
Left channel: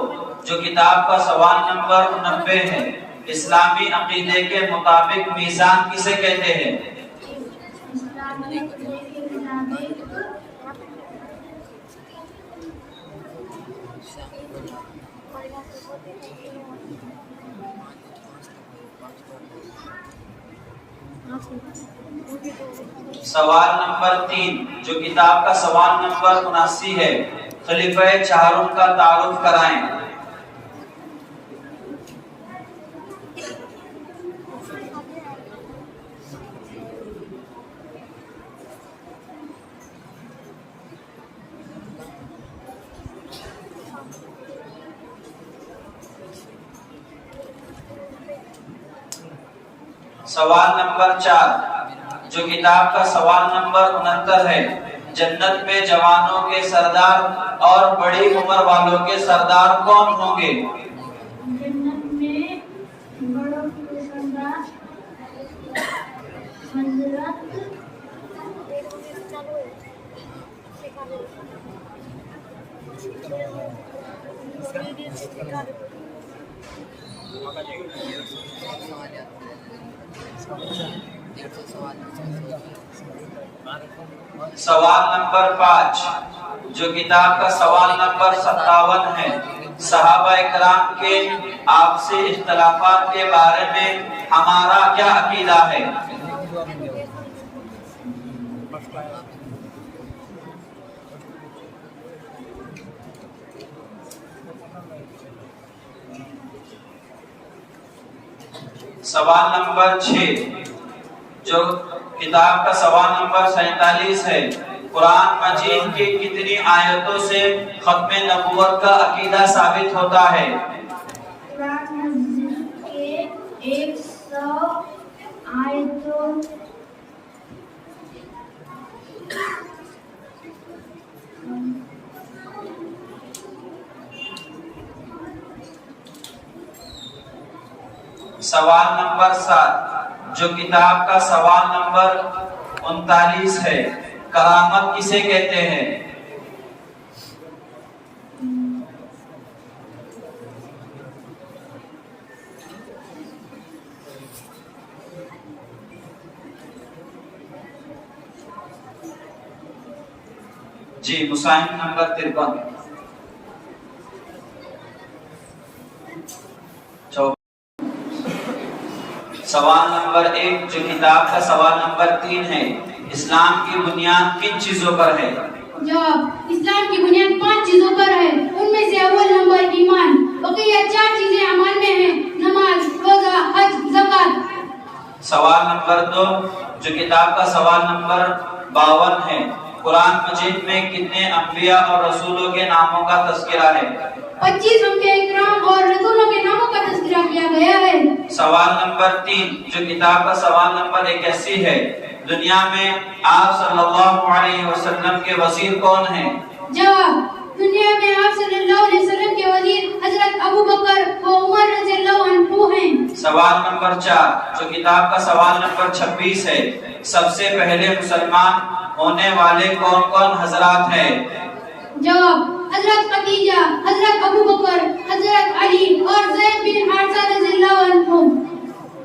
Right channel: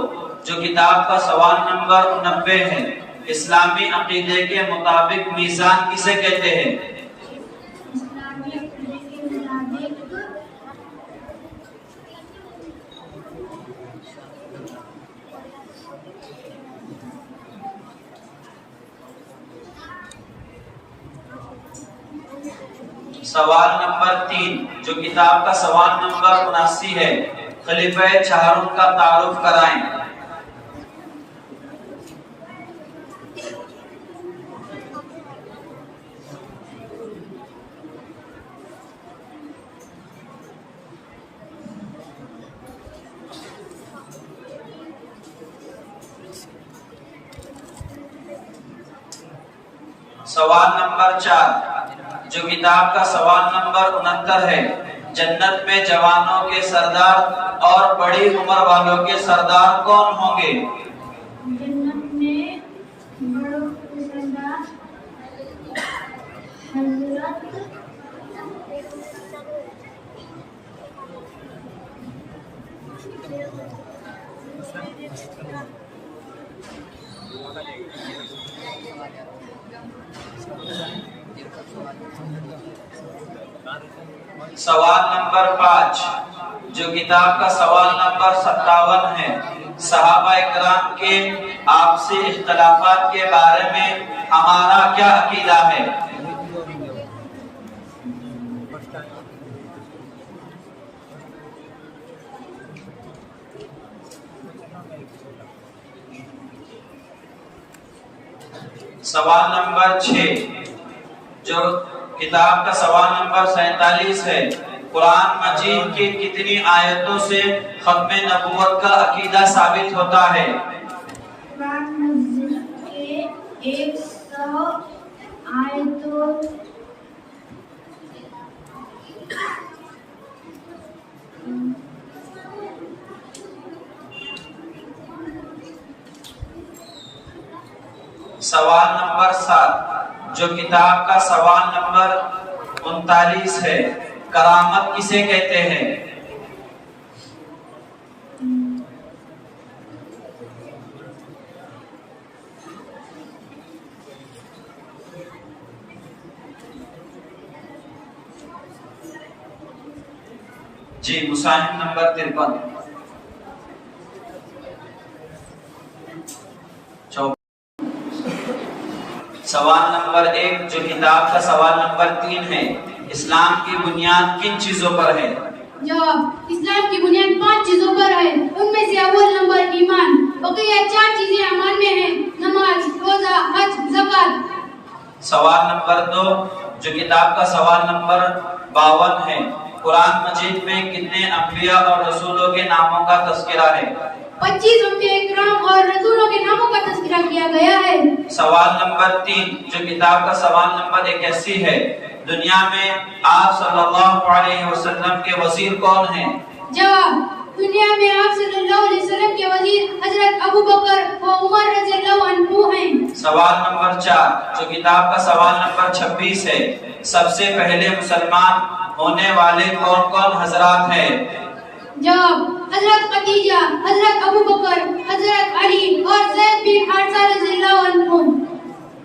جو کتاب کا سوال نمبر 90 ہے. اسلامی عقیدے کے مطابق میزان کسے کہتے ہیں؟ سوال نمبر 3 جو کتاب کا سوال نمبر 79 ہے. خلیفہ چہارم کا تعارف کرائیں. سوال نمبر 4 جو کتاب کا سوال نمبر 69 ہے. جنت میں جوانوں کے سردار اور بڑی عمر والوں کے سردار کون ہوں گے؟ جنت میں بڑوں کے سردار حضرت سوال نمبر 5 جو کتاب کا سوال نمبر 57 ہے. صحابہ کرام کے آپسی اختلافات کے بارے میں ہمارا کیا عقیدہ ہے؟ سوال نمبر 6 جو کتاب کا سوال نمبر 47 ہے. قرآن مجید کی کتنی آیتوں سے ختم نبوت کا عقیدہ ثابت ہوتا ہے؟ قرآن مجید کے 100 آیتوں سوال نمبر 7 جو کتاب کا سوال نمبر 39 ہے. کرامت کسے کہتے ہیں؟ جی مصنف نمبر 53 سوال نمبر 1 جو کتاب کا سوال نمبر 3 ہے. اسلام کی بنیاد کن چیزوں پر ہے؟ جواب اسلام کی بنیاد 5 چیزوں پر ہے. ان میں سے اول نمبر ایمان، بقیہ 4 چیزیں ایمان میں ہیں: نماز، روزہ، حج، زکات. سوال نمبر 2 جو کتاب کا سوال نمبر 52 ہے. قرآن مجید میں کتنے انبیاء اور رسولوں کے ناموں کا تذکرہ ہے؟ 25 انبیاء کرام اور رسولوں کے ناموں کا تذکرہ کیا گیا ہے. سوال نمبر 3 جو کتاب کا سوال نمبر 81 ہے. دنیا میں آپ صلی اللہ علیہ وسلم کے وزیر کون ہیں؟ جواب دنیا میں آپ صلی اللہ علیہ وسلم کے وزیر حضرت ابو بکر و عمر رضی اللہ عنہ ہیں. سوال نمبر 4 جو کتاب کا سوال نمبر 26 ہے. سب سے پہلے مسلمان ہونے والے کون کون حضرات ہیں؟ جواب حضرت خدیجہ، حضرت ابو بکر، حضرت علی اور زید بن حارثہ رضی اللہ عنہ.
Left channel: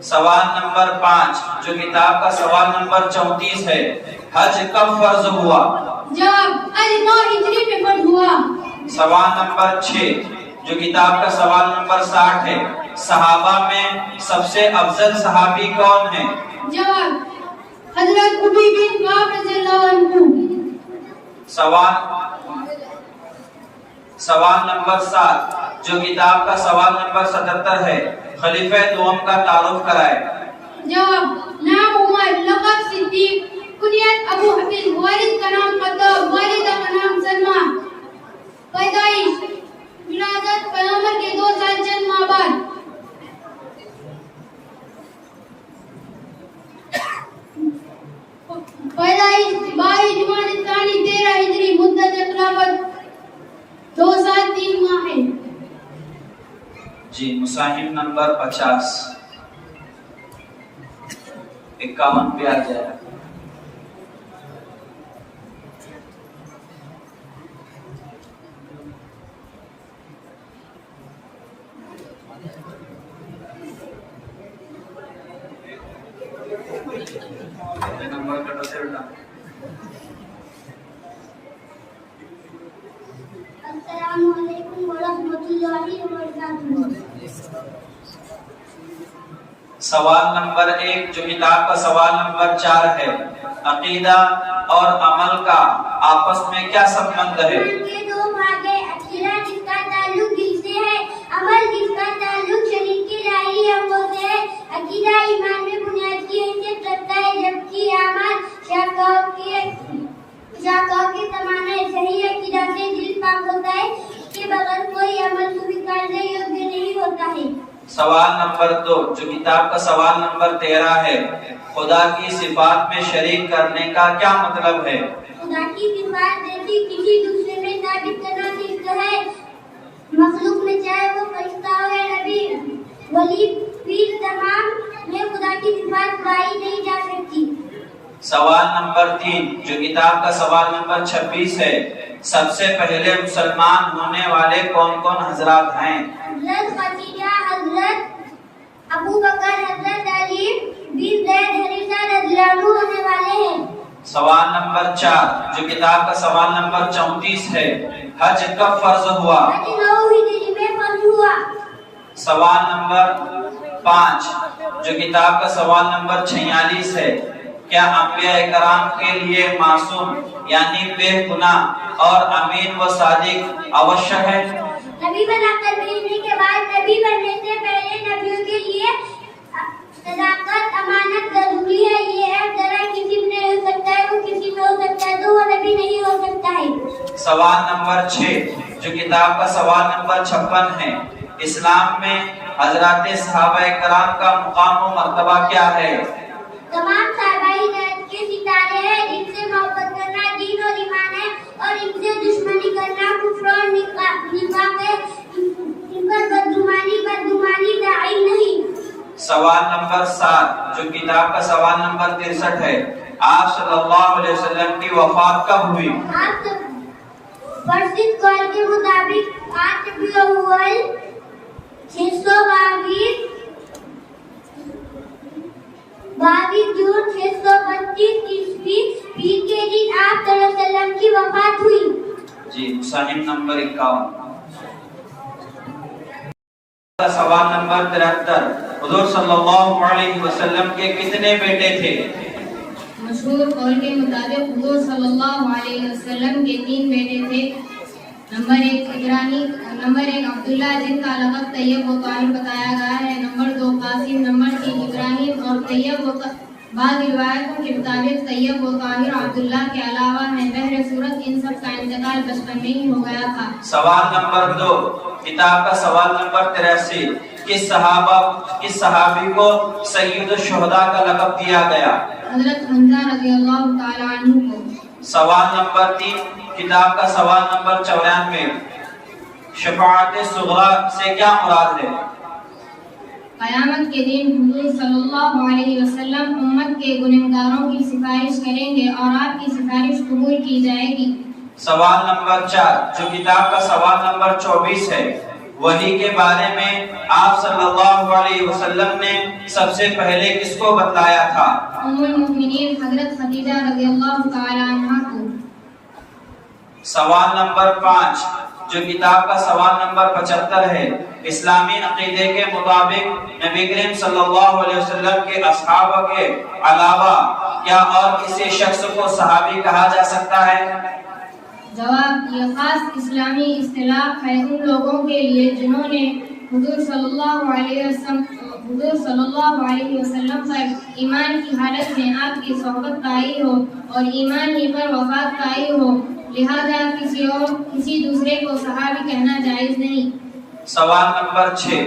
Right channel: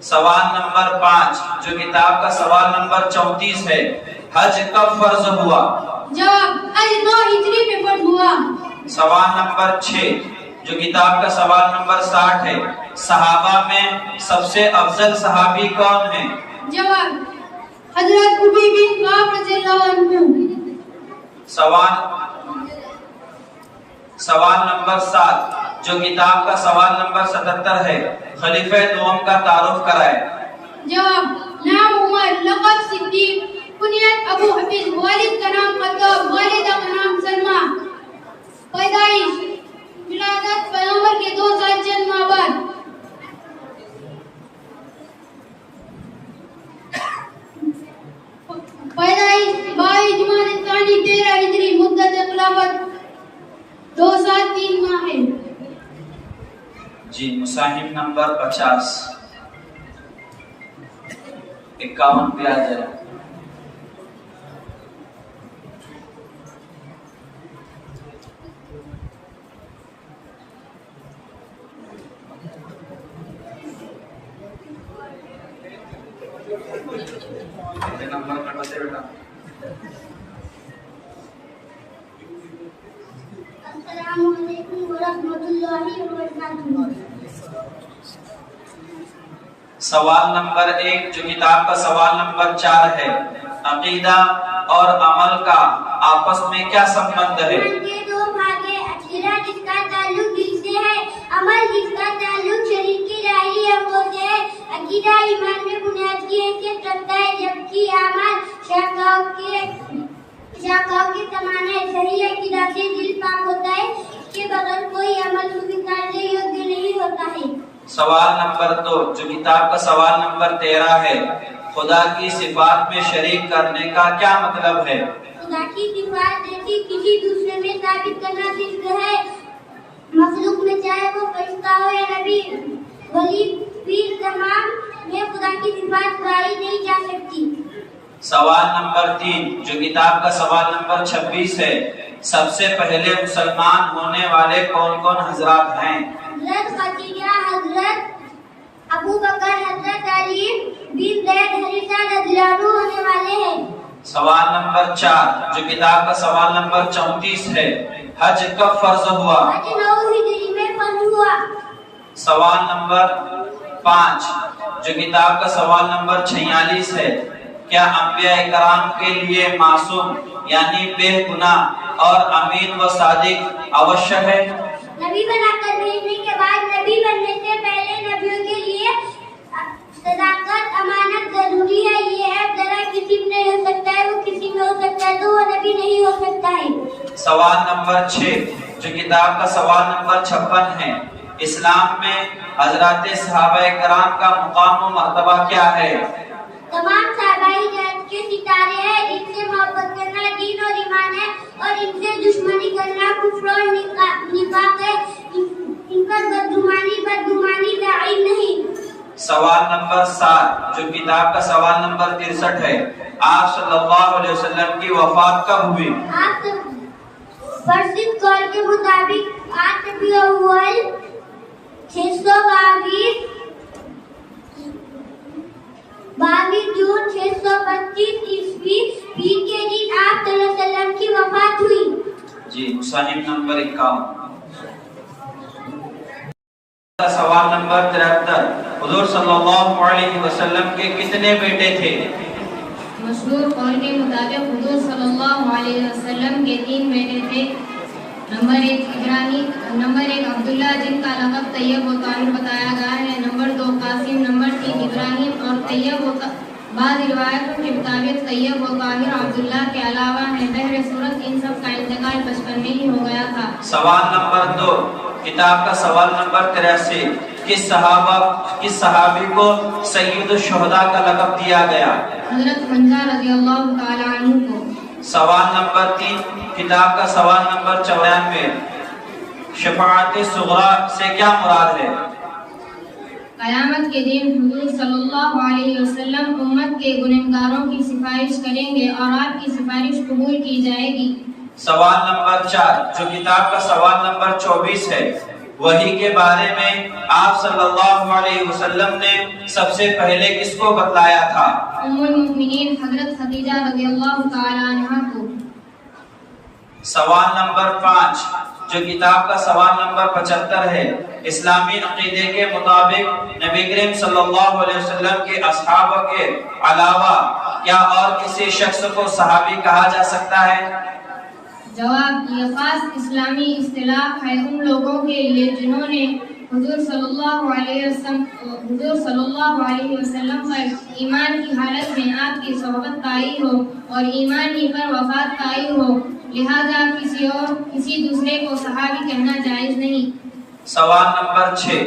سوال نمبر 5 جو کتاب کا سوال نمبر 34 ہے. حج کب فرض ہوا؟ جواب حج 9 ہجری میں فرض ہوا. سوال نمبر 6 جو کتاب کا سوال نمبر 60 ہے. صحابہ میں سب سے افضل صحابی کون ہیں؟ جواب حضرت ابی بن کعب رضی اللہ عنہ. سوال نمبر 7 جو کتاب کا سوال نمبر 77 ہے، خلیفہ دوم کا تعارف کرائے. جواب نام عمر، لقب صدیق، کنیت ابو حفیظ، والد کا نام خطاب، والدہ کا نام سلمہ. پیدائش ولادت پیغمبر کے 2 سال چند ماہ بعد. پیدائش 22 جمادی الثانی 13 ہجری. مدت خلافت 2 سال 3 ماہ ہے. جی مصاحف نمبر 50 51 پہ آ جائے. نمبر کٹوتے بیٹا. السلام علیکم ورحمۃ اللہ وبرکاتہ. سوال نمبر 1 جو کتاب کا سوال نمبر 4 ہے، عقیدہ اور عمل کا آپس میں کیا سمبند ہے؟ کے 2 بھاگ ہیں، عقیدہ جس کا تعلق دل سے ہے، عمل جس کا تعلق شریر کی ظاہری عملوں سے ہے. عقیدہ ایمان میں بنیاد کی حیثیت رکھتا ہے، جبکہ عمل شاخوں کے سامان ہے. صحیح عقیدہ سے دل پاک ہوتا ہے، اس کے بغیر کوئی عمل سویکارنے یوگیہ نہیں ہوتا ہے. سوال نمبر 2 جو کتاب کا سوال نمبر 13 ہے، خدا کی صفات میں شریک کرنے کا کیا مطلب ہے؟ خدا کی صفات جیسی کسی دوسرے میں ثابت کرنا صرف ہے. مخلوق میں چاہے وہ فرشتہ ہو یا نبی، ولی، پیر، تمام میں خدا کی صفات پائی نہیں جا سکتی. سوال نمبر 3 جو کتاب کا سوال نمبر 26 ہے، سب سے پہلے مسلمان ہونے والے کون کون حضرات ہیں؟ حضرت خدیجہ، حضرت ابو بکر، حضرت علی بن زید حریثہ رضی اللہ عنہ ہونے والے ہیں. سوال نمبر 4 جو کتاب کا سوال نمبر 34 ہے، حج کب فرض ہوا؟ حج 9 ہجری میں فرض ہوا. سوال نمبر 5 جو کتاب کا سوال نمبر 46 ہے، کیا انبیاء کرام کے لیے معصوم یعنی بے گناہ اور امین و صادق اوشیہ ہے؟ نبی بنا کر بھیجنے کے بعد نبی بننے سے پہلے نبیوں کے لیے صداقت، امانت ضروری ہے. یہ ہے ذرا کسی میں نہیں ہو سکتا ہے، وہ کسی میں ہو سکتا ہے تو وہ نبی نہیں ہو سکتا ہے. سوال نمبر 6 جو کتاب کا سوال نمبر 56 ہے، اسلام میں حضرات صحابہ کرام کا مقام و مرتبہ کیا ہے؟ تمام صحابہ جنت کے ستارے ہیں. ان سے محبت کرنا دین اور ایمان ہے، اور ان سے دشمنی کرنا کفر اور نفاق ہے. ان پر بدگمانی داعی نہیں. سوال نمبر 7 جو کتاب کا سوال نمبر 63 ہے، آپ صلی اللہ علیہ وسلم کی وفات کب ہوئی؟ آپ فرشت قول کے مطابق 8 ربیع الاول 622 جون 632 عیسوی پیر کے دن آپ صلی اللہ علیہ وسلم کی وفات ہوئی. جی مصنف نمبر 51. سوال نمبر 73 حضور صلی اللہ علیہ وسلم کے کتنے بیٹے تھے؟ مشہور قول کے مطابق حضور صلی اللہ علیہ وسلم کے 3 بیٹے تھے. نمبر 1 عبداللہ جن کا لقب طیب و طاہر بتایا گیا ہے. نمبر 2 قاسم. نمبر 3 ابراہیم اور طیب و بعض روایتوں کے مطابق طیب و طاہر عبداللہ کے علاوہ ہیں. بہر صورت ان سب کا انتقال بچپن میں ہی ہو گیا تھا. سوال نمبر 2 کتاب کا سوال نمبر 83 کس صحابی کو سید الشہداء کا لقب دیا گیا؟ حضرت حمزہ رضی اللہ تعالی عنہ کو. سوال نمبر 3 کتاب کا سوال نمبر 94 شفاعت صغریٰ سے کیا مراد ہے؟ قیامت کے دن حضور صلی اللہ علیہ وسلم امت کے گنہگاروں کی سفارش کریں گے اور آپ کی سفارش قبول کی جائے گی. سوال نمبر 4 جو کتاب کا سوال نمبر 24 ہے، وحی کے بارے میں آپ صلی اللہ علیہ وسلم نے سب سے پہلے کس کو بتلایا تھا؟ ام المؤمنین حضرت خدیجہ رضی اللہ تعالی عنہا کو. سوال نمبر 5 جو کتاب کا سوال نمبر 75 ہے، اسلامی عقیدے کے مطابق نبی کریم صلی اللہ علیہ وسلم کے اصحابہ کے علاوہ کیا اور کسی شخص کو صحابی کہا جا سکتا ہے؟ جواب، یہ خاص اسلامی اصطلاح ہے ان لوگوں کے لیے جنہوں نے حضور صلی اللہ علیہ وسلم پر ایمان کی حالت میں آپ کی صحبت پائی ہو اور ایمان ہی پر وفات پائی ہو، لہذا کسی دوسرے کو صحابی کہنا جائز نہیں۔ سوال نمبر 6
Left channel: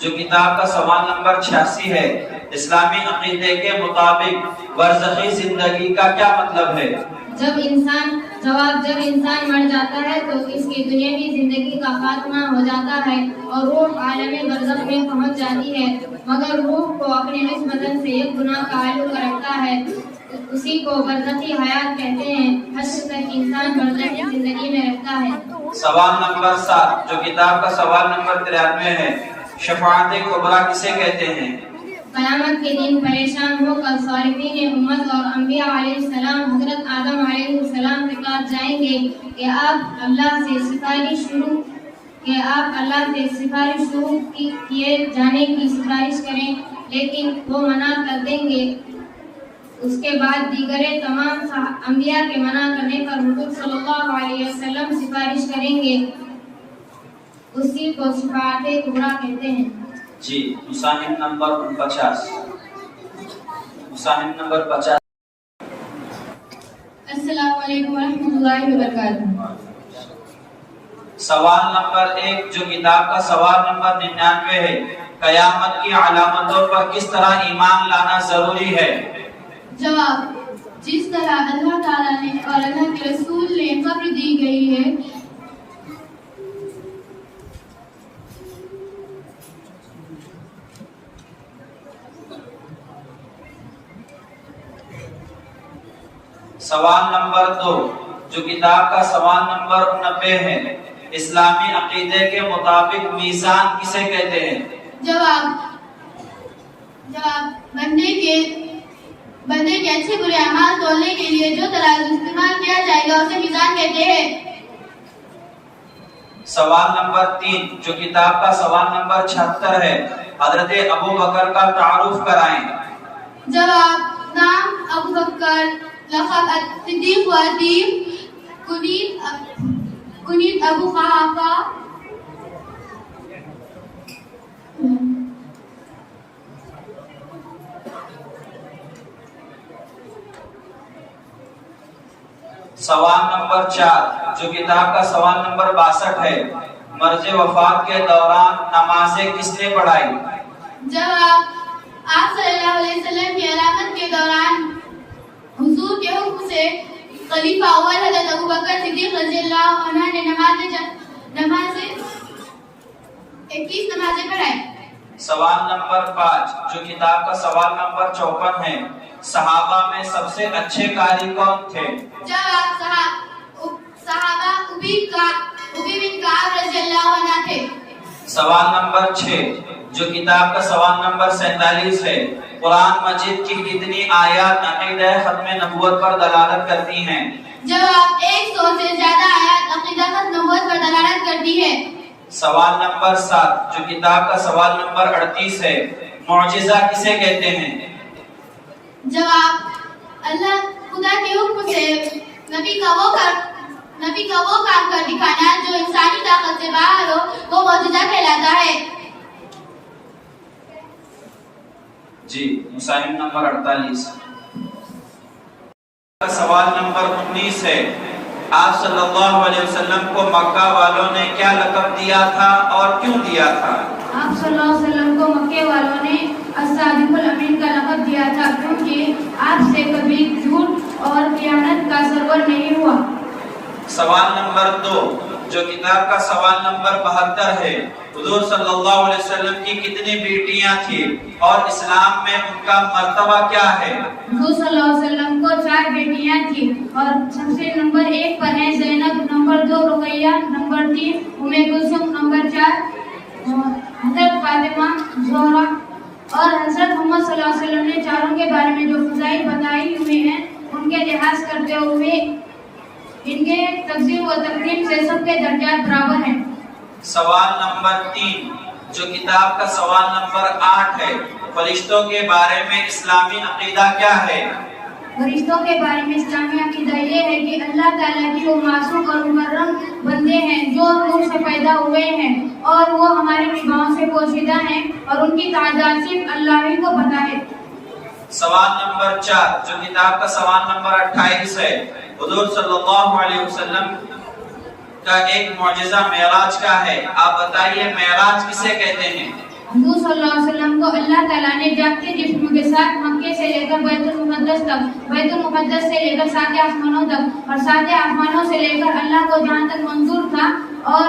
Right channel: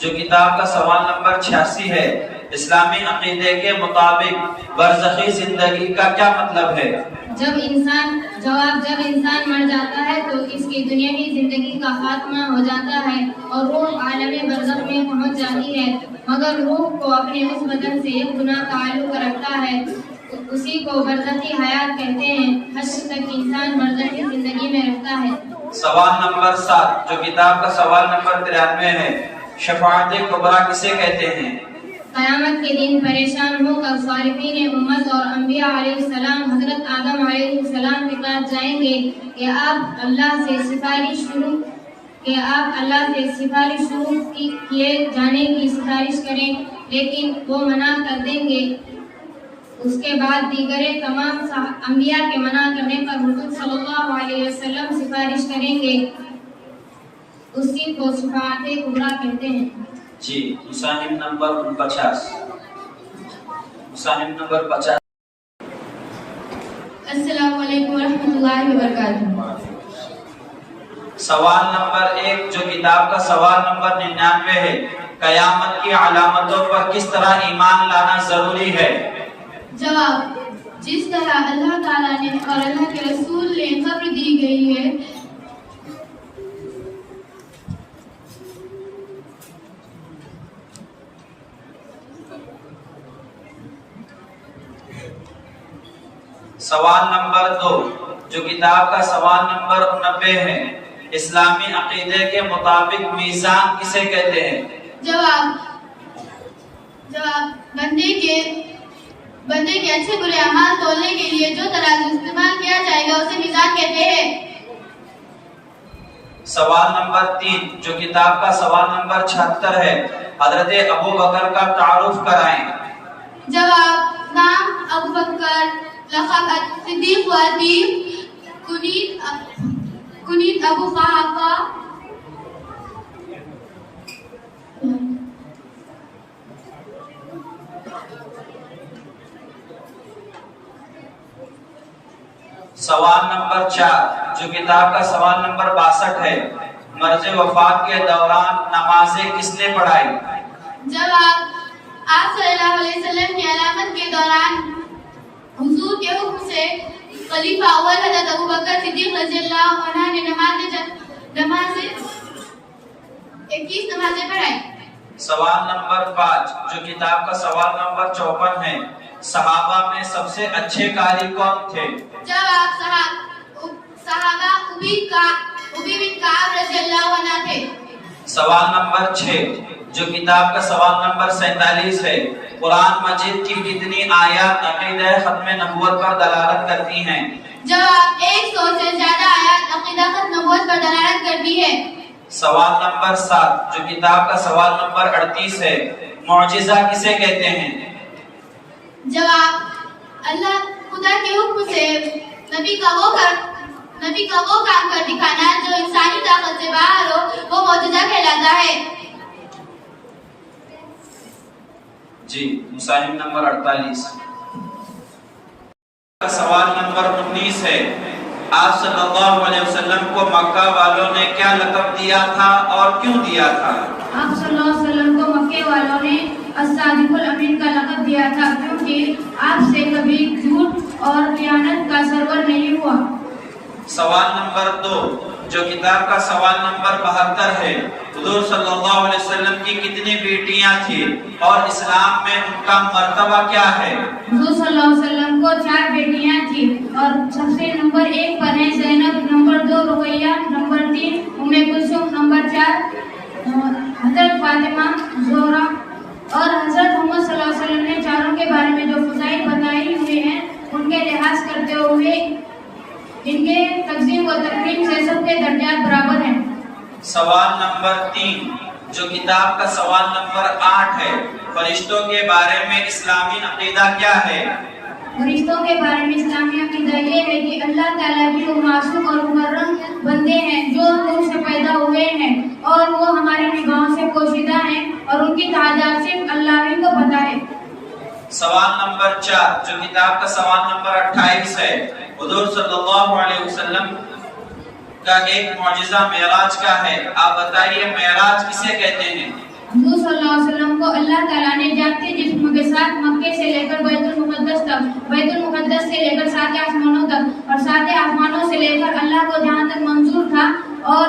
جو کتاب کا سوال نمبر 86 ہے، اسلامی عقیدے کے مطابق برزخی زندگی کا کیا مطلب ہے؟ جب انسان مر جاتا ہے تو اس کی دنیاوی زندگی کا خاتمہ ہو جاتا ہے اور روح عالم برزخ میں پہنچ جاتی ہے، مگر روح کو اپنے اس بدن سے ایک گناہ تعلق رکھتا ہے، اسی کو برزخی حیات کہتے ہیں۔ حشر تک انسان برزخی زندگی میں رہتا ہے۔ سوال نمبر 7 جو کتاب کا سوال نمبر 93 ہے، شفاعت کبریٰ کسے کہتے ہیں؟ قیامت کے دن پریشان ہو کر صالحین امت اور انبیاء علیہ السلام حضرت آدم علیہ السلام کے پاس جائیں گے کہ آپ اللہ سے سفارش شروع کیے جانے کی سفارش کریں، لیکن وہ منع کر دیں گے۔ اس کے بعد دیگر تمام انبیاء کے منع کرنے پر حضور صلی اللہ علیہ وسلم سفارش کریں گے، اسی کو شفاعت کبریٰ کہتے ہیں۔ جی، مساہم نمبر 50۔ السلام علیکم ورحمۃ اللہ وبرکاتہ۔ سوال نمبر 1 جو کتاب کا سوال نمبر 99 ہے، قیامت کی علامتوں پر کس طرح ایمان لانا ضروری ہے؟ جواب، جس طرح اللہ تعالیٰ نے اور اللہ کے رسول نے خبر دی گئی ہے، سوال نمبر 2 جو کتاب کا سوال نمبر 90 ہے، اسلامی عقیدے کے مطابق میزان کسے کہتے ہیں؟ جواب، بندے کے اچھے برے اعمال تولنے کے لیے جو ترازو استعمال کیا جائے گا اسے میزان کہتے ہیں۔ سوال نمبر 3 جو کتاب کا سوال نمبر 76 ہے، حضرت ابو بکر کا تعارف کرائیں۔ جواب، نام ابو بکر، لقب صدیق و عتیق، کنیت ابو قحافہ۔ سوال نمبر 4 جو کتاب کا سوال نمبر 62 ہے، مرض وفات کے دوران نمازیں کس نے پڑھائی؟ جواب، آپ صلی اللہ علیہ وسلم کی علامت کے دوران حضور کے حکم سے خلیفہ اول حضرت ابو بکر صدیق رضی اللہ عنہ نے 21 نمازیں پڑھائی۔ سوال نمبر 5 جو کتاب کا سوال نمبر 54 ہے، صحابہ میں سب سے اچھے قاری کون تھے؟ جواب، صحابہ ابی بن کعب رضی اللہ عنہ تھے۔ سوال نمبر 6 جو کتاب کا سوال نمبر 47 ہے، قرآن مجید کی کتنی آیات عقیدہ ختم نبوت پر دلالت کرتی ہیں؟ جواب، 100 سے زیادہ آیات عقیدہ ختم نبوت پر دلالت کرتی ہے۔ سوال نمبر 7 جو کتاب کا سوال نمبر 38 ہے، معجزہ کسے کہتے ہیں؟ جواب، اللہ خدا کے حکم سے نبی کا وہ کام کر دکھانا جو انسانی طاقت سے باہر ہو، وہ معجزہ کہلاتا ہے۔ جی، مساہم نمبر 48۔ سوال نمبر 19 ہے، آپ صلی اللہ علیہ وسلم کو مکہ والوں نے کیا لقب دیا تھا اور کیوں دیا تھا؟ آپ صلی اللہ علیہ وسلم کو مکے والوں نے الصادق الامین کا لقب دیا تھا کیونکہ آپ سے کبھی جھوٹ اور خیانت کا سرور نہیں ہوا۔ سوال نمبر 2 جو کتاب کا سوال نمبر 72 ہے، حضور صلی اللہ علیہ وسلم کی کتنی بیٹیاں تھیں اور اسلام میں ان کا مرتبہ کیا ہے؟ حضور صلی اللہ علیہ وسلم کو 4 بیٹیاں تھیں اور سب سے نمبر 1 پر ہیں زینب، نمبر 2 رقیہ، نمبر 3 ام کلثوم، نمبر 4 حضرت فاطمہ زہرا۔ اور حضرت محمد صلی اللہ علیہ وسلم نے چاروں کے بارے میں جو فضائل بتائی ہوئی ہیں ان کے لحاظ کرتے ہوئے ان کے تقسیم و تقریم سے سب کے درجات برابر ہیں۔ سوال نمبر 3 جو کتاب کا سوال نمبر 8 ہے، فرشتوں کے بارے میں اسلامی عقیدہ کیا ہے؟ فرشتوں کے بارے میں اسلامی عقیدہ یہ ہے کہ اللہ تعالیٰ کی وہ معصوم اور مکرم بندے ہیں جو نور سے پیدا ہوئے ہیں اور وہ ہماری نگاہوں سے پوشیدہ ہیں اور ان کی تعداد صرف اللہ ہی کو پتہ ہے۔ سوال نمبر 4 جو کتاب کا سوال نمبر 28 ہے، حضور صلی اللہ علیہ وسلم کا ایک معجزہ معراج کا ہے، آپ بتائیے معراج کسے کہتے ہیں؟ حضور صلی اللہ علیہ وسلم کو اللہ تعالیٰ نے جاگتے جسم کے ساتھ مکے سے لے کر بیت المقدس تک، بیت المقدس سے لے کر 7 آسمانوں تک اور 7 آسمانوں سے لے کر اللہ کو جہاں تک منظور تھا اور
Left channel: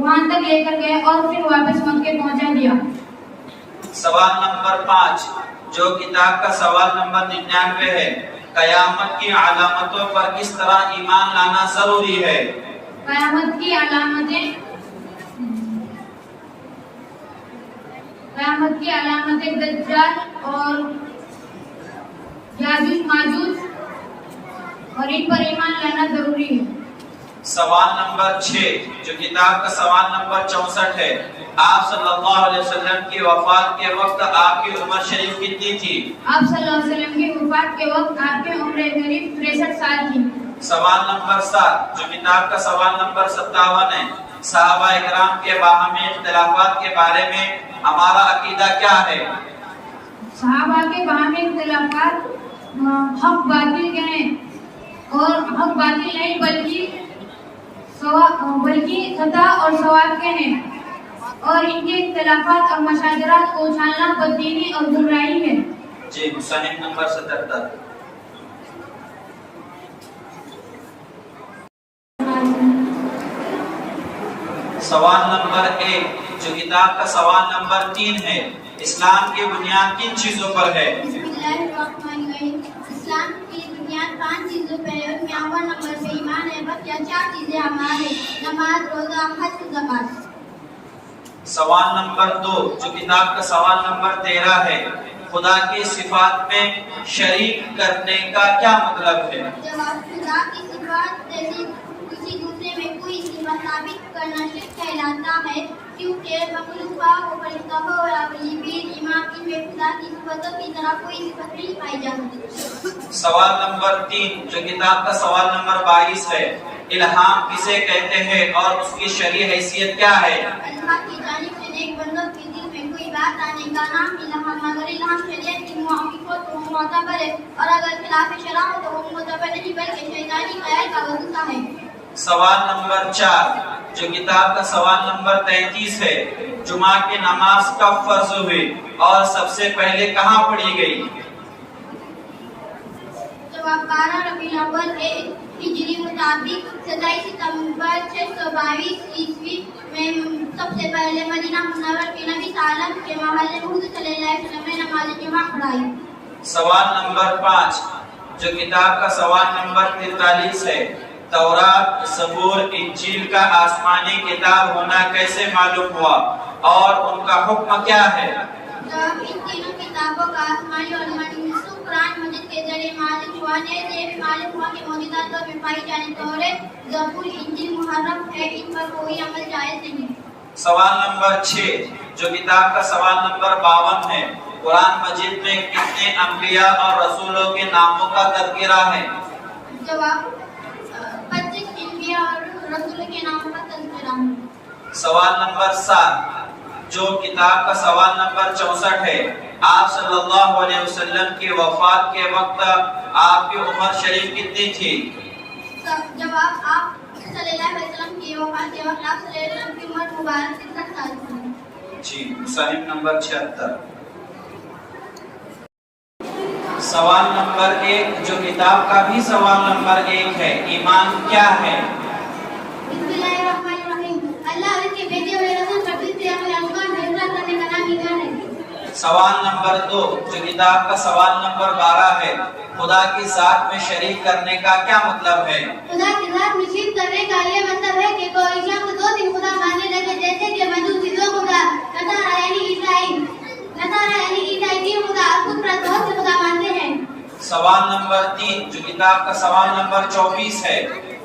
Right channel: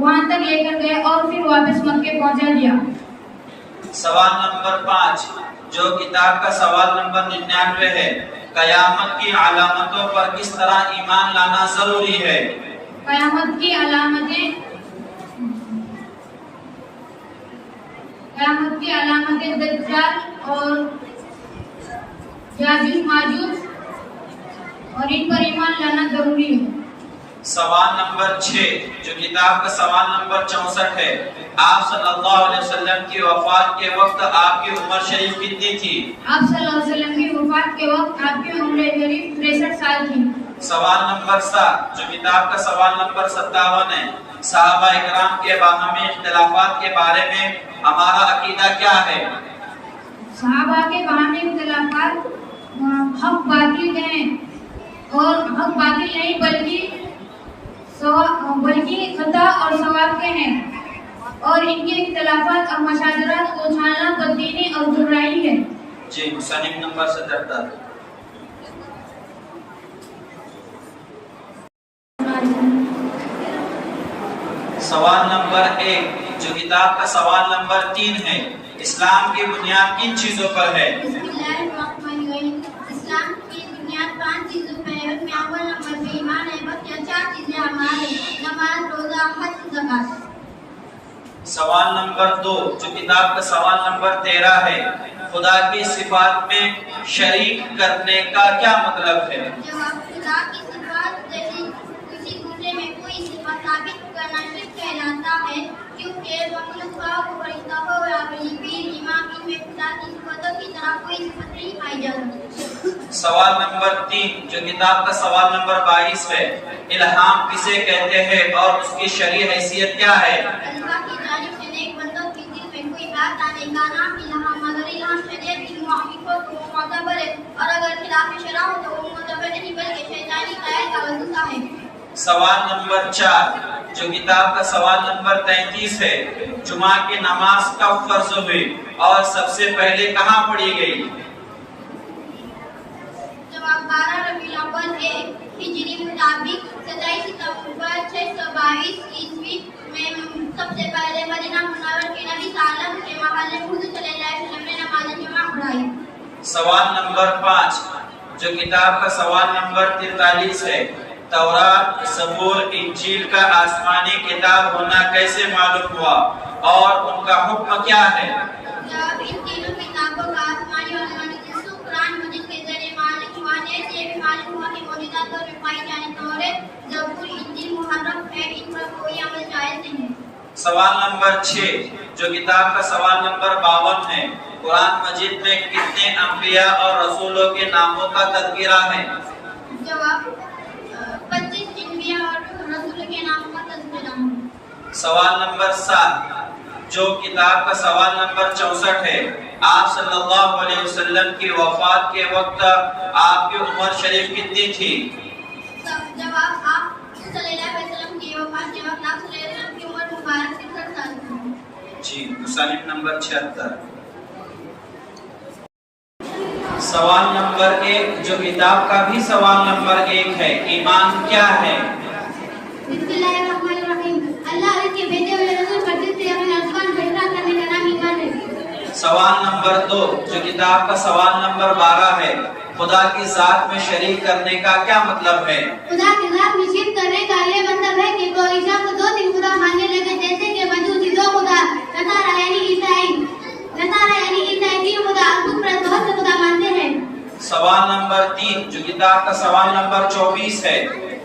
وہاں تک لے کر گئے اور پھر واپس مکے پہنچا دیا۔ سوال نمبر 5 جو کتاب کا سوال نمبر 99 ہے، قیامت کی علامتوں پر کس طرح ایمان لانا ضروری ہے؟ قیامت کی علامتیں دجال اور یاجوج ماجوج اور ان پر ایمان لانا ضروری ہے۔ سوال نمبر 6 جو کتاب کا سوال نمبر 64 ہے، آپ صلی اللہ علیہ وسلم کی وفات کے وقت آپ کی عمر شریف کتنی تھی؟ آپ صلی اللہ علیہ وسلم کی وفات کے وقت آپ کی عمر شریف 63 سال تھی۔ سوال نمبر 7 جو کتاب کا سوال نمبر 57 ہے، صحابہ اکرام کے باہمی اختلافات کے بارے میں ہمارا عقیدہ کیا ہے؟ صحابہ کے باہمی اختلافات حق باطل کے ہیں اور حق باطل نہیں بلکہ خطا اور ثواب کے ہیں اور ان کے اختلافات اور مشاجرات کو اچھالنا بددینی اور گمراہی ہے۔ جی مصنف نمبر 77 سوال نمبر 1 جو کتاب کا سوال نمبر 3 ہے، اسلام کی بنیاد کن چیزوں پر ہے؟ اسلام کی بنیاد 5 چیزوں پر ہے، ان میں اول نمبر پہ ایمان ہے، بقیہ 4 چیزیں ہمارے نماز، روزہ، حج، زکات۔ سوال نمبر 2 جو کتاب کا سوال نمبر 13 ہے، خدا کی صفات میں شریک کرنے کا کیا مطلب ہے؟ جواب خدا کی صفات جیسے کسی دوسرے میں کوئی صفت ثابت کرنا شرک کہلاتا ہے، کیونکہ مخلوق کو فرشتوں اور اپنی پیر امام ان میں خدا کی صفتوں کی طرح کوئی صفت نہیں پائی جاتی۔ سوال نمبر 3 جو کتاب کا سوال نمبر 22 ہے، الہام کسے کہتے ہیں اور اس کی شرعی حیثیت کیا ہے؟ اللہ کی جانب سے نیک بندوں کے دل میں کوئی بات آنے کا نام الہام، مگر الہام شریعت کی موافقت کو معتبر ہے اور اگر خلاف شرع ہو تو وہ معتبر نہیں بلکہ شیطانی خیال کا وظیفہ ہے۔ سوال نمبر 4 جو کتاب کا سوال نمبر 33 ہے، جمعہ کی نماز کب فرض ہوئی اور سب سے پہلے کہاں پڑھی گئی؟ جواب 12 ربیع الاول ہجری مطابق 27 ستمبر 622 عیسوی میں سب سے پہلے مدینہ منورہ کے نبی صلی اللہ علیہ وسلم کے محلے میں حضور صلی اللہ علیہ وسلم نے نماز جمعہ پڑھائی۔ سوال نمبر 5 جو کتاب کا سوال نمبر 43 ہے، تورات، زبور، انجیل کا آسمانی کتاب ہونا کیسے معلوم ہوا اور ان کا حکم کیا ہے؟ جب ان تینوں کتابوں کا آسمانی اور زمینی نسخ قرآن مجید کے ذریعے معلوم ہوا، جیسے یہ بھی معلوم ہوا کہ موجودہ دور میں پائی جانے تورات، زبور، انجیل محرف ہے، ان پر کوئی عمل جائز نہیں ہے۔ سوال نمبر 6 جو کتاب کا سوال نمبر 52 ہے، قرآن مجید میں کتنے انبیاء اور رسولوں کے ناموں کا تذکرہ ہے؟ جواب 25 انبیاء اور رسولوں کے نام کا تذکرہ ہے۔ سوال نمبر 7 جو کتاب کا سوال نمبر 64 ہے، آپ صلی اللہ علیہ وسلم کی وفات کے وقت آپ کی عمر شریف کتنی تھی؟ جواب آپ صلی اللہ علیہ وسلم کی وفات کے وقت آپ صلی اللہ علیہ وسلم کی عمر مبارک 63 سال تھی۔ جی مصنف نمبر 76 سوال نمبر 1 جو کتاب کا بھی سوال نمبر 1 ہے، ایمان کیا ہے؟ بسم اللہ الرحمن الرحیم، اللہ کے بھیجے ہوئے رسول پر جس سے ہمیں آسمان فیصلہ کرنے کا نام ایمان ہے۔ سوال نمبر 2 جو کتاب کا سوال نمبر 12 ہے، خدا کی ذات میں شریک کرنے کا کیا مطلب ہے؟ خدا کی ذات میں شرک کرنے کا یہ مطلب ہے کہ کوئی شخص 2-3 خدا ماننے لگے، جیسے کہ مجوسی 2 خدا، نصارہ یعنی عیسائی 3 خدا، خود پرست بہت سے خدا مانتے ہیں۔ سوال نمبر 3 جو کتاب کا سوال نمبر 24 ہے،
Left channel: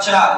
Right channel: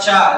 4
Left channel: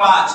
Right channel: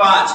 5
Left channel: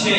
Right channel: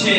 6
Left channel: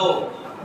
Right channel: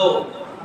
2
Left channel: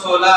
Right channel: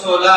16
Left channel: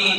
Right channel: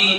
3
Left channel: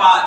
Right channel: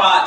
5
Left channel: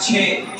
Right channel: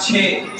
6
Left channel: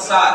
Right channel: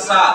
7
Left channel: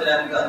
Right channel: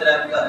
73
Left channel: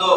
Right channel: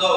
2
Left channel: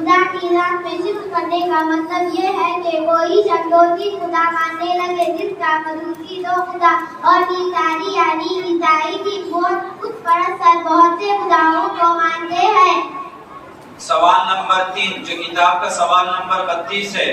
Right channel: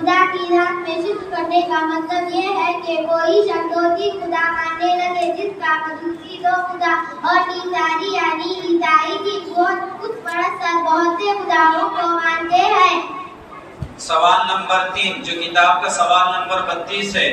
خدا کی ذات میں صدق کرنے کا مطلب یہ ہے کہ کوئی شخص دو تین خدا ماننے لگے جس کا خصوصی دو خدا اور تیساری یعنی عیسائی کی بت پرست بہت سے خداؤں کو مانتے ہیں۔ سوال نمبر 3 جو کتاب کا سوال نمبر 32 ہے،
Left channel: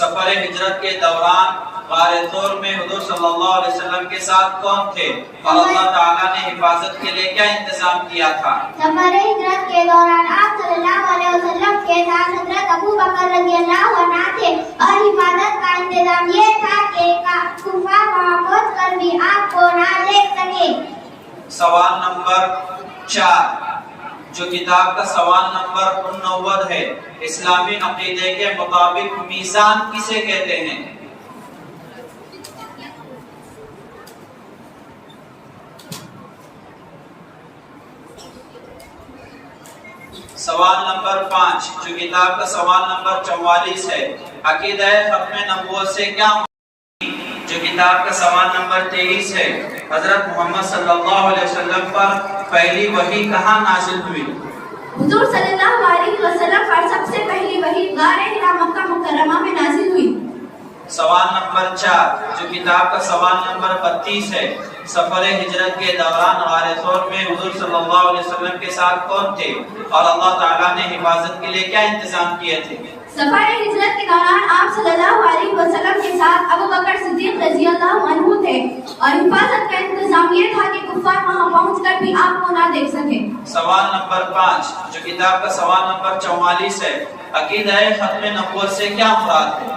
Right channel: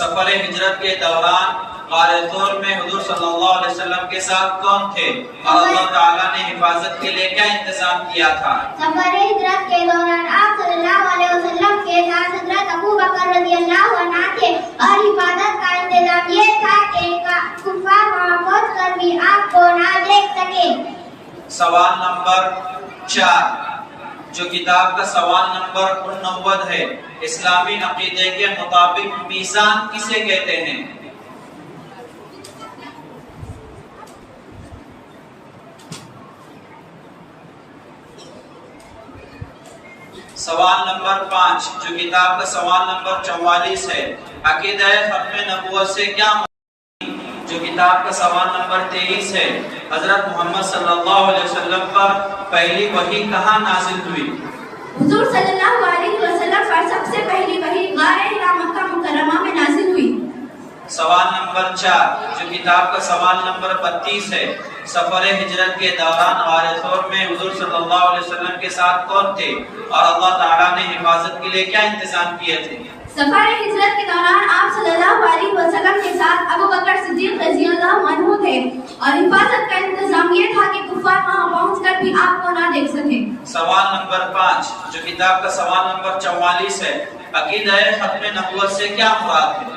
سفر ہجرت کے دوران غار طور میں حضور صلی اللہ علیہ وسلم کے ساتھ کون تھے اور اللہ تعالیٰ نے حفاظت کے لیے کیا انتظام کیا تھا؟ سفر ہجرت کے دوران آپ صلی اللہ علیہ وسلم کے ساتھ حضرت ابو بکر رضی اللہ عنہ تھے اور حفاظت کا انتظام یہ تھا کہ کفار وہاں پہنچ کر بھی آپ کو نہ دیکھ سکے۔ سوال نمبر 4 جو کتاب کا سوال نمبر 89 ہے، اسلامی عقیدے کے مطابق میزان کسے کہتے ہیں؟ سوال نمبر 5 جو کتاب کا سوال نمبر 44 ہے، عقیدہ ختم نبوت سے کیا جو کتاب کا سوال نمبر 23 ہے، حضرت محمد صلی اللہ علیہ وسلم پر پہلی وحی کہاں نازل ہوئی؟ حضور صلی اللہ علیہ وسلم پر سب سے پہلی وحی غار حرا مکہ مکرمہ میں نازل ہوئی۔ سوال نمبر 4 جو کتاب کا سوال نمبر 32 ہے، سفر ہجرت کے دوران غار ثور میں حضور صلی اللہ علیہ وسلم کے ساتھ کون تھے اور اللہ تعالیٰ نے حفاظت کے لیے کیا انتظام کیے تھے؟ سفر ہجرت کے دوران آپ صلی اللہ علیہ وسلم کے ساتھ ابو بکر صدیق رضی اللہ عنہ تھے اور حفاظت کا انتظام یہ تھا کہ کفار وہاں پہنچ کر بھی آپ کو نہ دیکھ سکے۔ سوال نمبر 5 جو کتاب کا سوال نمبر 44 ہے، عقیدہ ختم نبوت سے کیا مراد ہے؟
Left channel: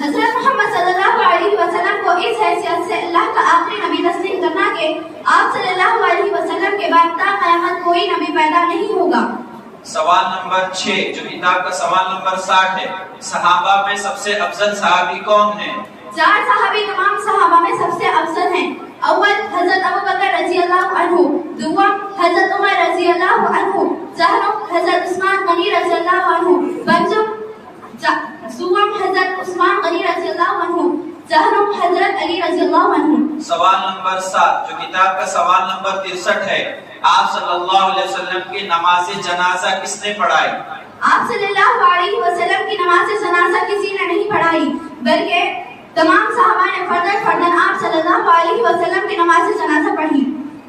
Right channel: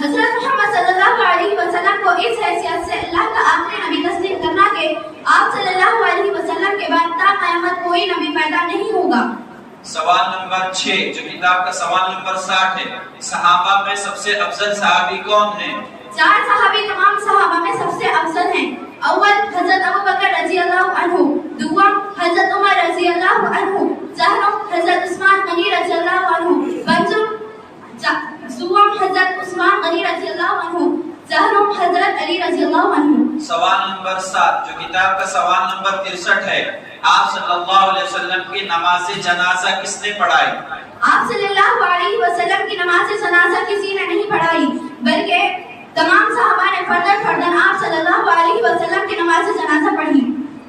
حضرت محمد صلی اللہ علیہ وسلم کو اس حیثیت سے اللہ کا آخری نبی تسلیم کرنا کہ آپ صلی اللہ علیہ وسلم کے بعد تا قیامت کوئی نبی پیدا نہیں ہوگا۔ سوال نمبر 6 جو کتاب کا سوال نمبر 60 ہے، صحابہ میں سب سے افضل صحابی کون ہیں؟ 4 صحابی تمام صحابہ میں سب سے افضل ہیں۔ اول حضرت ابو بکر رضی اللہ عنہ، دوم حضرت عمر رضی اللہ عنہ، ثانم حضرت عثمان غنی رضی اللہ عنہ، پنجم دوم حضرت عثمان غنی رضی اللہ عنہ، ثانم حضرت علی رضی اللہ عنہ۔ سوال نمبر 7 جو کتاب کا سوال نمبر 63 ہے، آپ صلی اللہ علیہ وسلم کی نماز جنازہ کس نے پڑھائی؟ آپ صلی اللہ علیہ وسلم کی نماز جنازہ کسی نے نہیں پڑھائی بلکہ تمام صحابہ نے فردن فردن آپ صلی اللہ علیہ وسلم کی نماز جنازہ پڑھی۔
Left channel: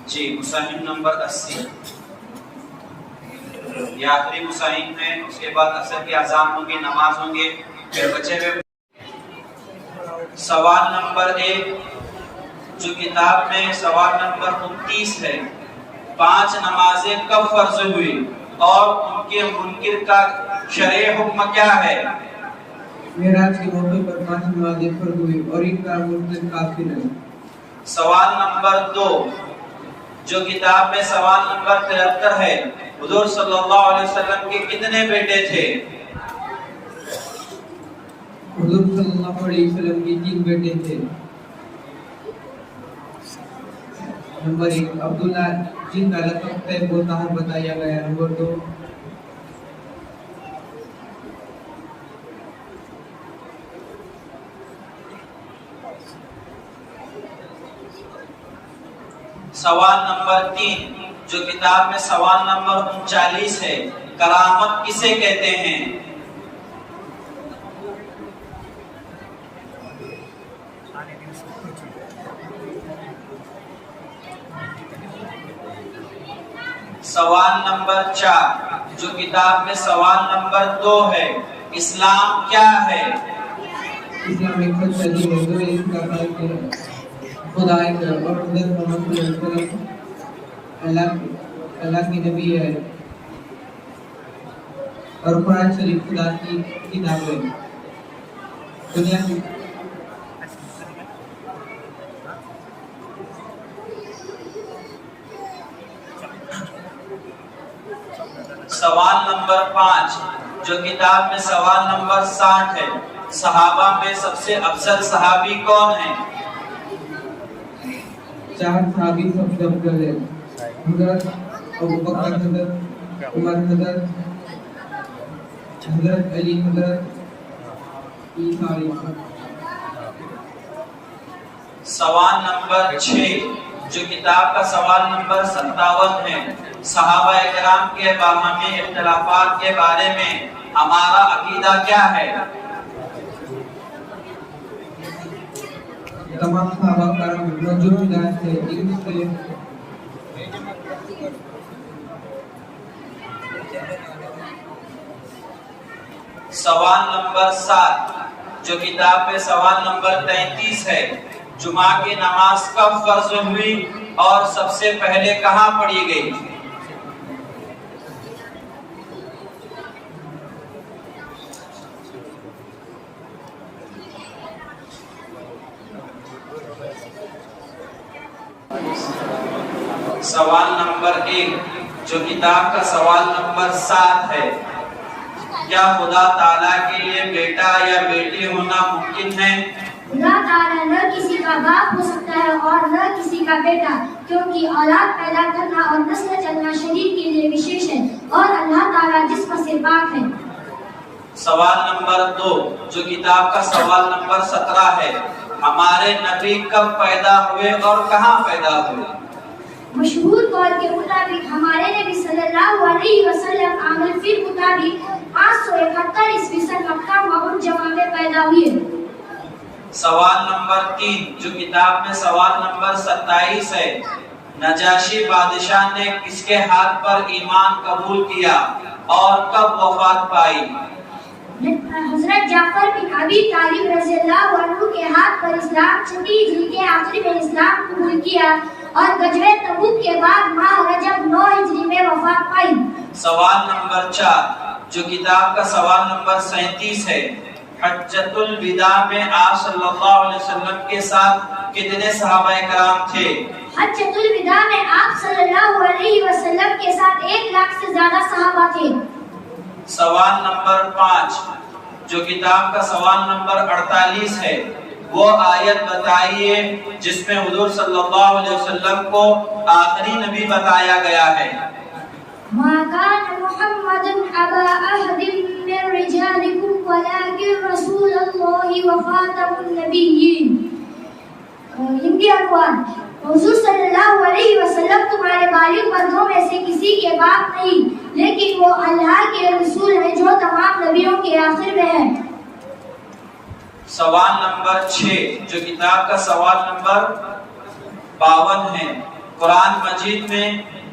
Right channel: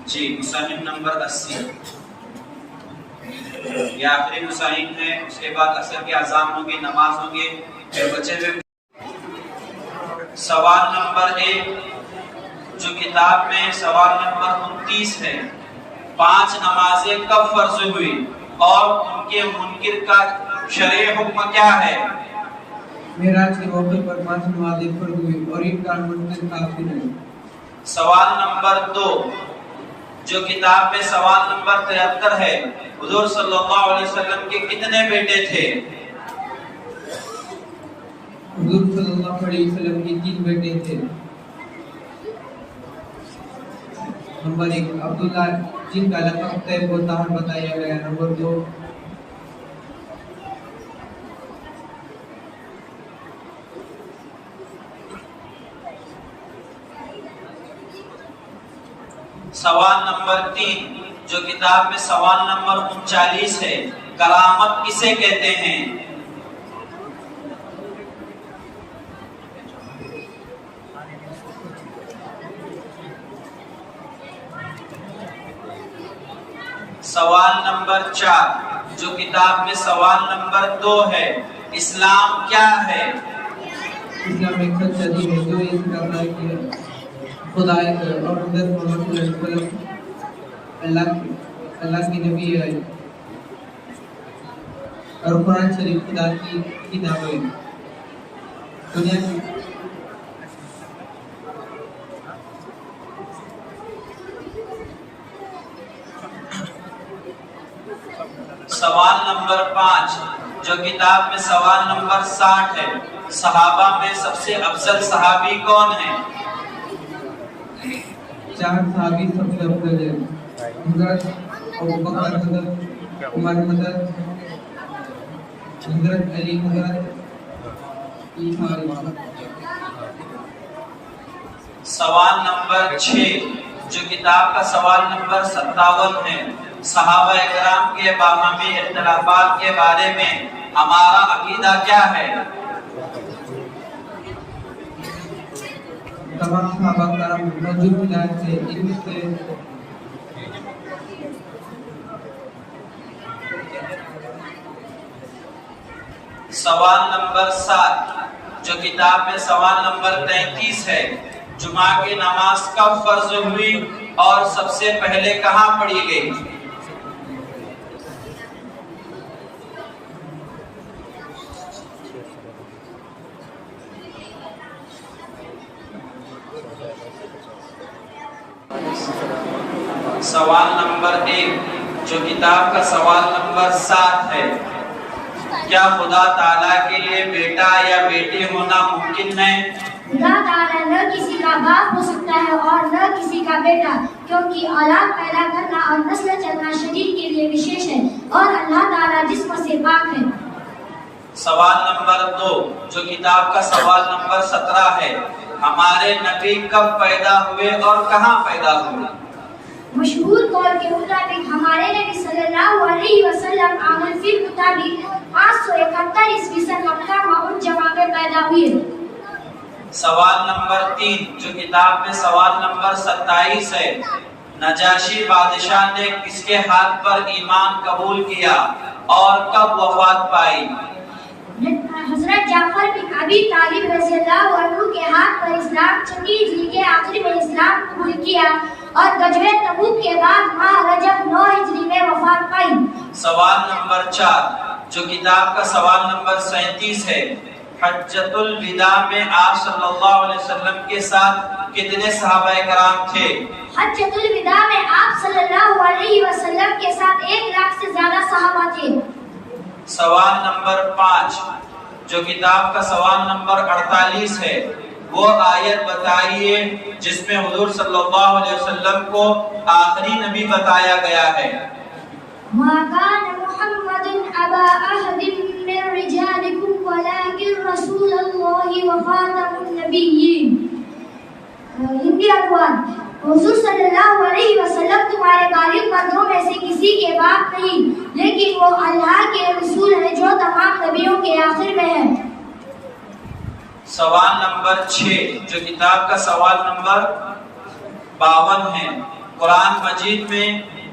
جی، مصاحف نمبر 80 یہ آخری مصاحف میں، اس کے بعد عصر کی اذان ہوں گی، نماز ہوں گی، پھر بچے ہوئے۔ سوال نمبر 1 جو کتاب میں سوال نمبر 29 ہے، 5 نمازیں کب فرض ہوئی اور ان کے منکر کا شرعی حکم کیا ہے؟ معراج کے موقع پر 5 نمازیں فرض ہوئی اور ان کا منکر کافر ہے۔ سوال نمبر 2 جو کتاب میں سوال نمبر 73 ہے، حضور صلی اللہ علیہ وسلم کے کتنے بیٹے تھے؟ حضور صلی اللہ علیہ وسلم کے 3 بیٹے تھے۔ نمبر 1 عبداللہ جن کا لقب طیب و طاہر بتایا گیا۔ نمبر 2 سوال نمبر 3 جو کتاب میں سوال نمبر 39 ہے، کرامت کسے کہتے ہیں؟ سوال نمبر 4 جو کتاب میں سوال نمبر 2 ہے، اسلام کیا ہے؟ اسلام ایک سچا دین ہے جو اس کا کہ خدا ایک اور حضرت محمد صلی اللہ علیہ وسلم اللہ کی نبی ہے اور قرآن شریف خدا کی کتاب ہے۔ دنیا کی سوال نمبر 5 جو کتاب میں سوال نمبر 60 ہے، صحابہ میں سب سے افضل صحابی کون ہیں؟ 4 صحابی سب سے افضل ہیں، حضرت ابو بکر، حضرت عمر، حضرت علی، حضرت عیسیٰ علیہ السلام۔ سوال نمبر 6 جو کتاب کا سوال نمبر 57 ہے، صحابہ کرام کے باہمی اختلافات کے بارے میں ہمارا عقیدہ کیا ہے؟ تمام صحابہ کرام موجود ہدایت سے علم سے سوال نمبر 7 جو کتاب میں سوال نمبر 33 ہے، جمعہ کی نماز کب فرض ہوئی اور سب سے پہلے کہاں پڑھی گئی؟ سوال نمبر 1 جو کتاب کا سوال نمبر 7 ہے، کیا خدا تعالیٰ کے لیے بیٹا یا بیٹی ہونا ممکن ہے؟ خدا تعالیٰ نہ کسی کا باپ ہو سکتا ہے اور نہ کسی کا بیٹا، کیونکہ اولاد پیدا کرنا اور نسل چلنا شریر کے لیے وشیش ہے اور اللہ تعالیٰ جسم سے پاک ہے۔ سوال نمبر 2 جو کتاب کا سوال نمبر 17 ہے، ہمارے نبی کب پیدا ہوئے اور کہاں پیدا ہوئے؟ مشہور قول کے مطابق ہمارے نبی صلی اللہ علیہ وسلم عامل فی مطابق 571 عیسوی سن مکہ معجمہ میں پیدا ہوئے۔ سوال نمبر 3 جو کتاب میں سوال نمبر 27 ہے، نجاشی بادشاہ نے کس کے ہاتھ پر ایمان قبول کیا اور کب وفات پائی؟ حضرت جعفر بن ابی طالب رضی اللہ عنہ کے ہاتھ پر اسلام 6 ہجری کے آخر میں اسلام قبول کیا اور غزوہ تبوک کے بعد ماہ رجب 9 ہجری میں وفات پائی۔ سوال نمبر 4 جو کتاب کا سوال نمبر 37 ہے، حجۃ الوداع میں آپ صلی اللہ علیہ وسلم کے ساتھ کتنے صحابہ کرام تھے؟ حجۃ الوداع میں آپ صلی اللہ علیہ وسلم کے ساتھ 1 لاکھ سے زیادہ صحابہ تھے۔ سوال نمبر 5 جو کتاب کا سوال نمبر 48 ہے، وہ آیت بتائیے جس میں حضور صلی اللہ علیہ وسلم کو آخری نبی بتایا گیا ہے۔ ما كان محمد أبا أحد من رجالكم ولكن رسول الله وخاتم النبيين۔ ہندی عنوان، حضور صلی اللہ علیہ وسلم تمہارے بالغ مردوں میں سے کسی کے باپ نہیں، لیکن وہ اللہ کے رسول ہیں جو تمام نبیوں کے آخر میں ہے۔ سوال نمبر 6 جو کتاب کا سوال نمبر 52 ہے، قرآن مجید میں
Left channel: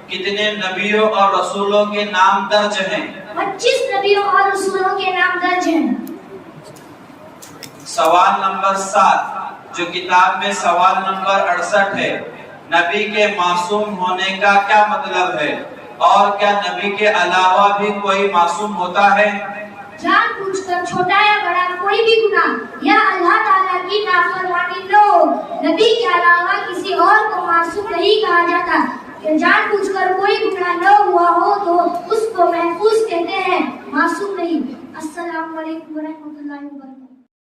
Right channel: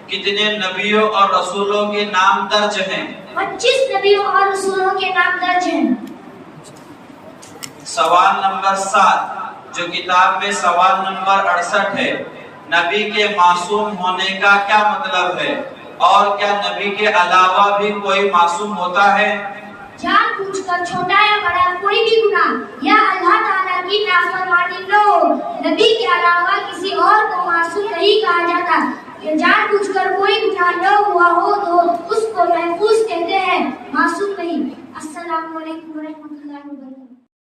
کتنے نبیوں اور رسولوں کے نام درج ہیں؟ 25 نبیوں اور رسولوں کے نام درج ہیں۔ سوال نمبر 7 جو کتاب میں سوال نمبر 68 ہے، نبی کے معصوم ہونے کا کیا مطلب ہے اور کیا نبی کے علاوہ بھی کوئی معصوم ہوتا ہے؟ جان بوجھ کر چھوٹا یا بڑا کوئی بھی گناہ یا اللہ تعالیٰ کی نافرمانی نہ ہو، نبی کے علاوہ کسی اور کو معصوم نہیں کہا جاتا۔ جان بوجھ کر کوئی گناہ نہ ہوا ہو تو اس کو محفوظ کہتے ہیں، معصوم نہیں۔ السلام علیکم ورحمۃ اللہ وبرکاتہ۔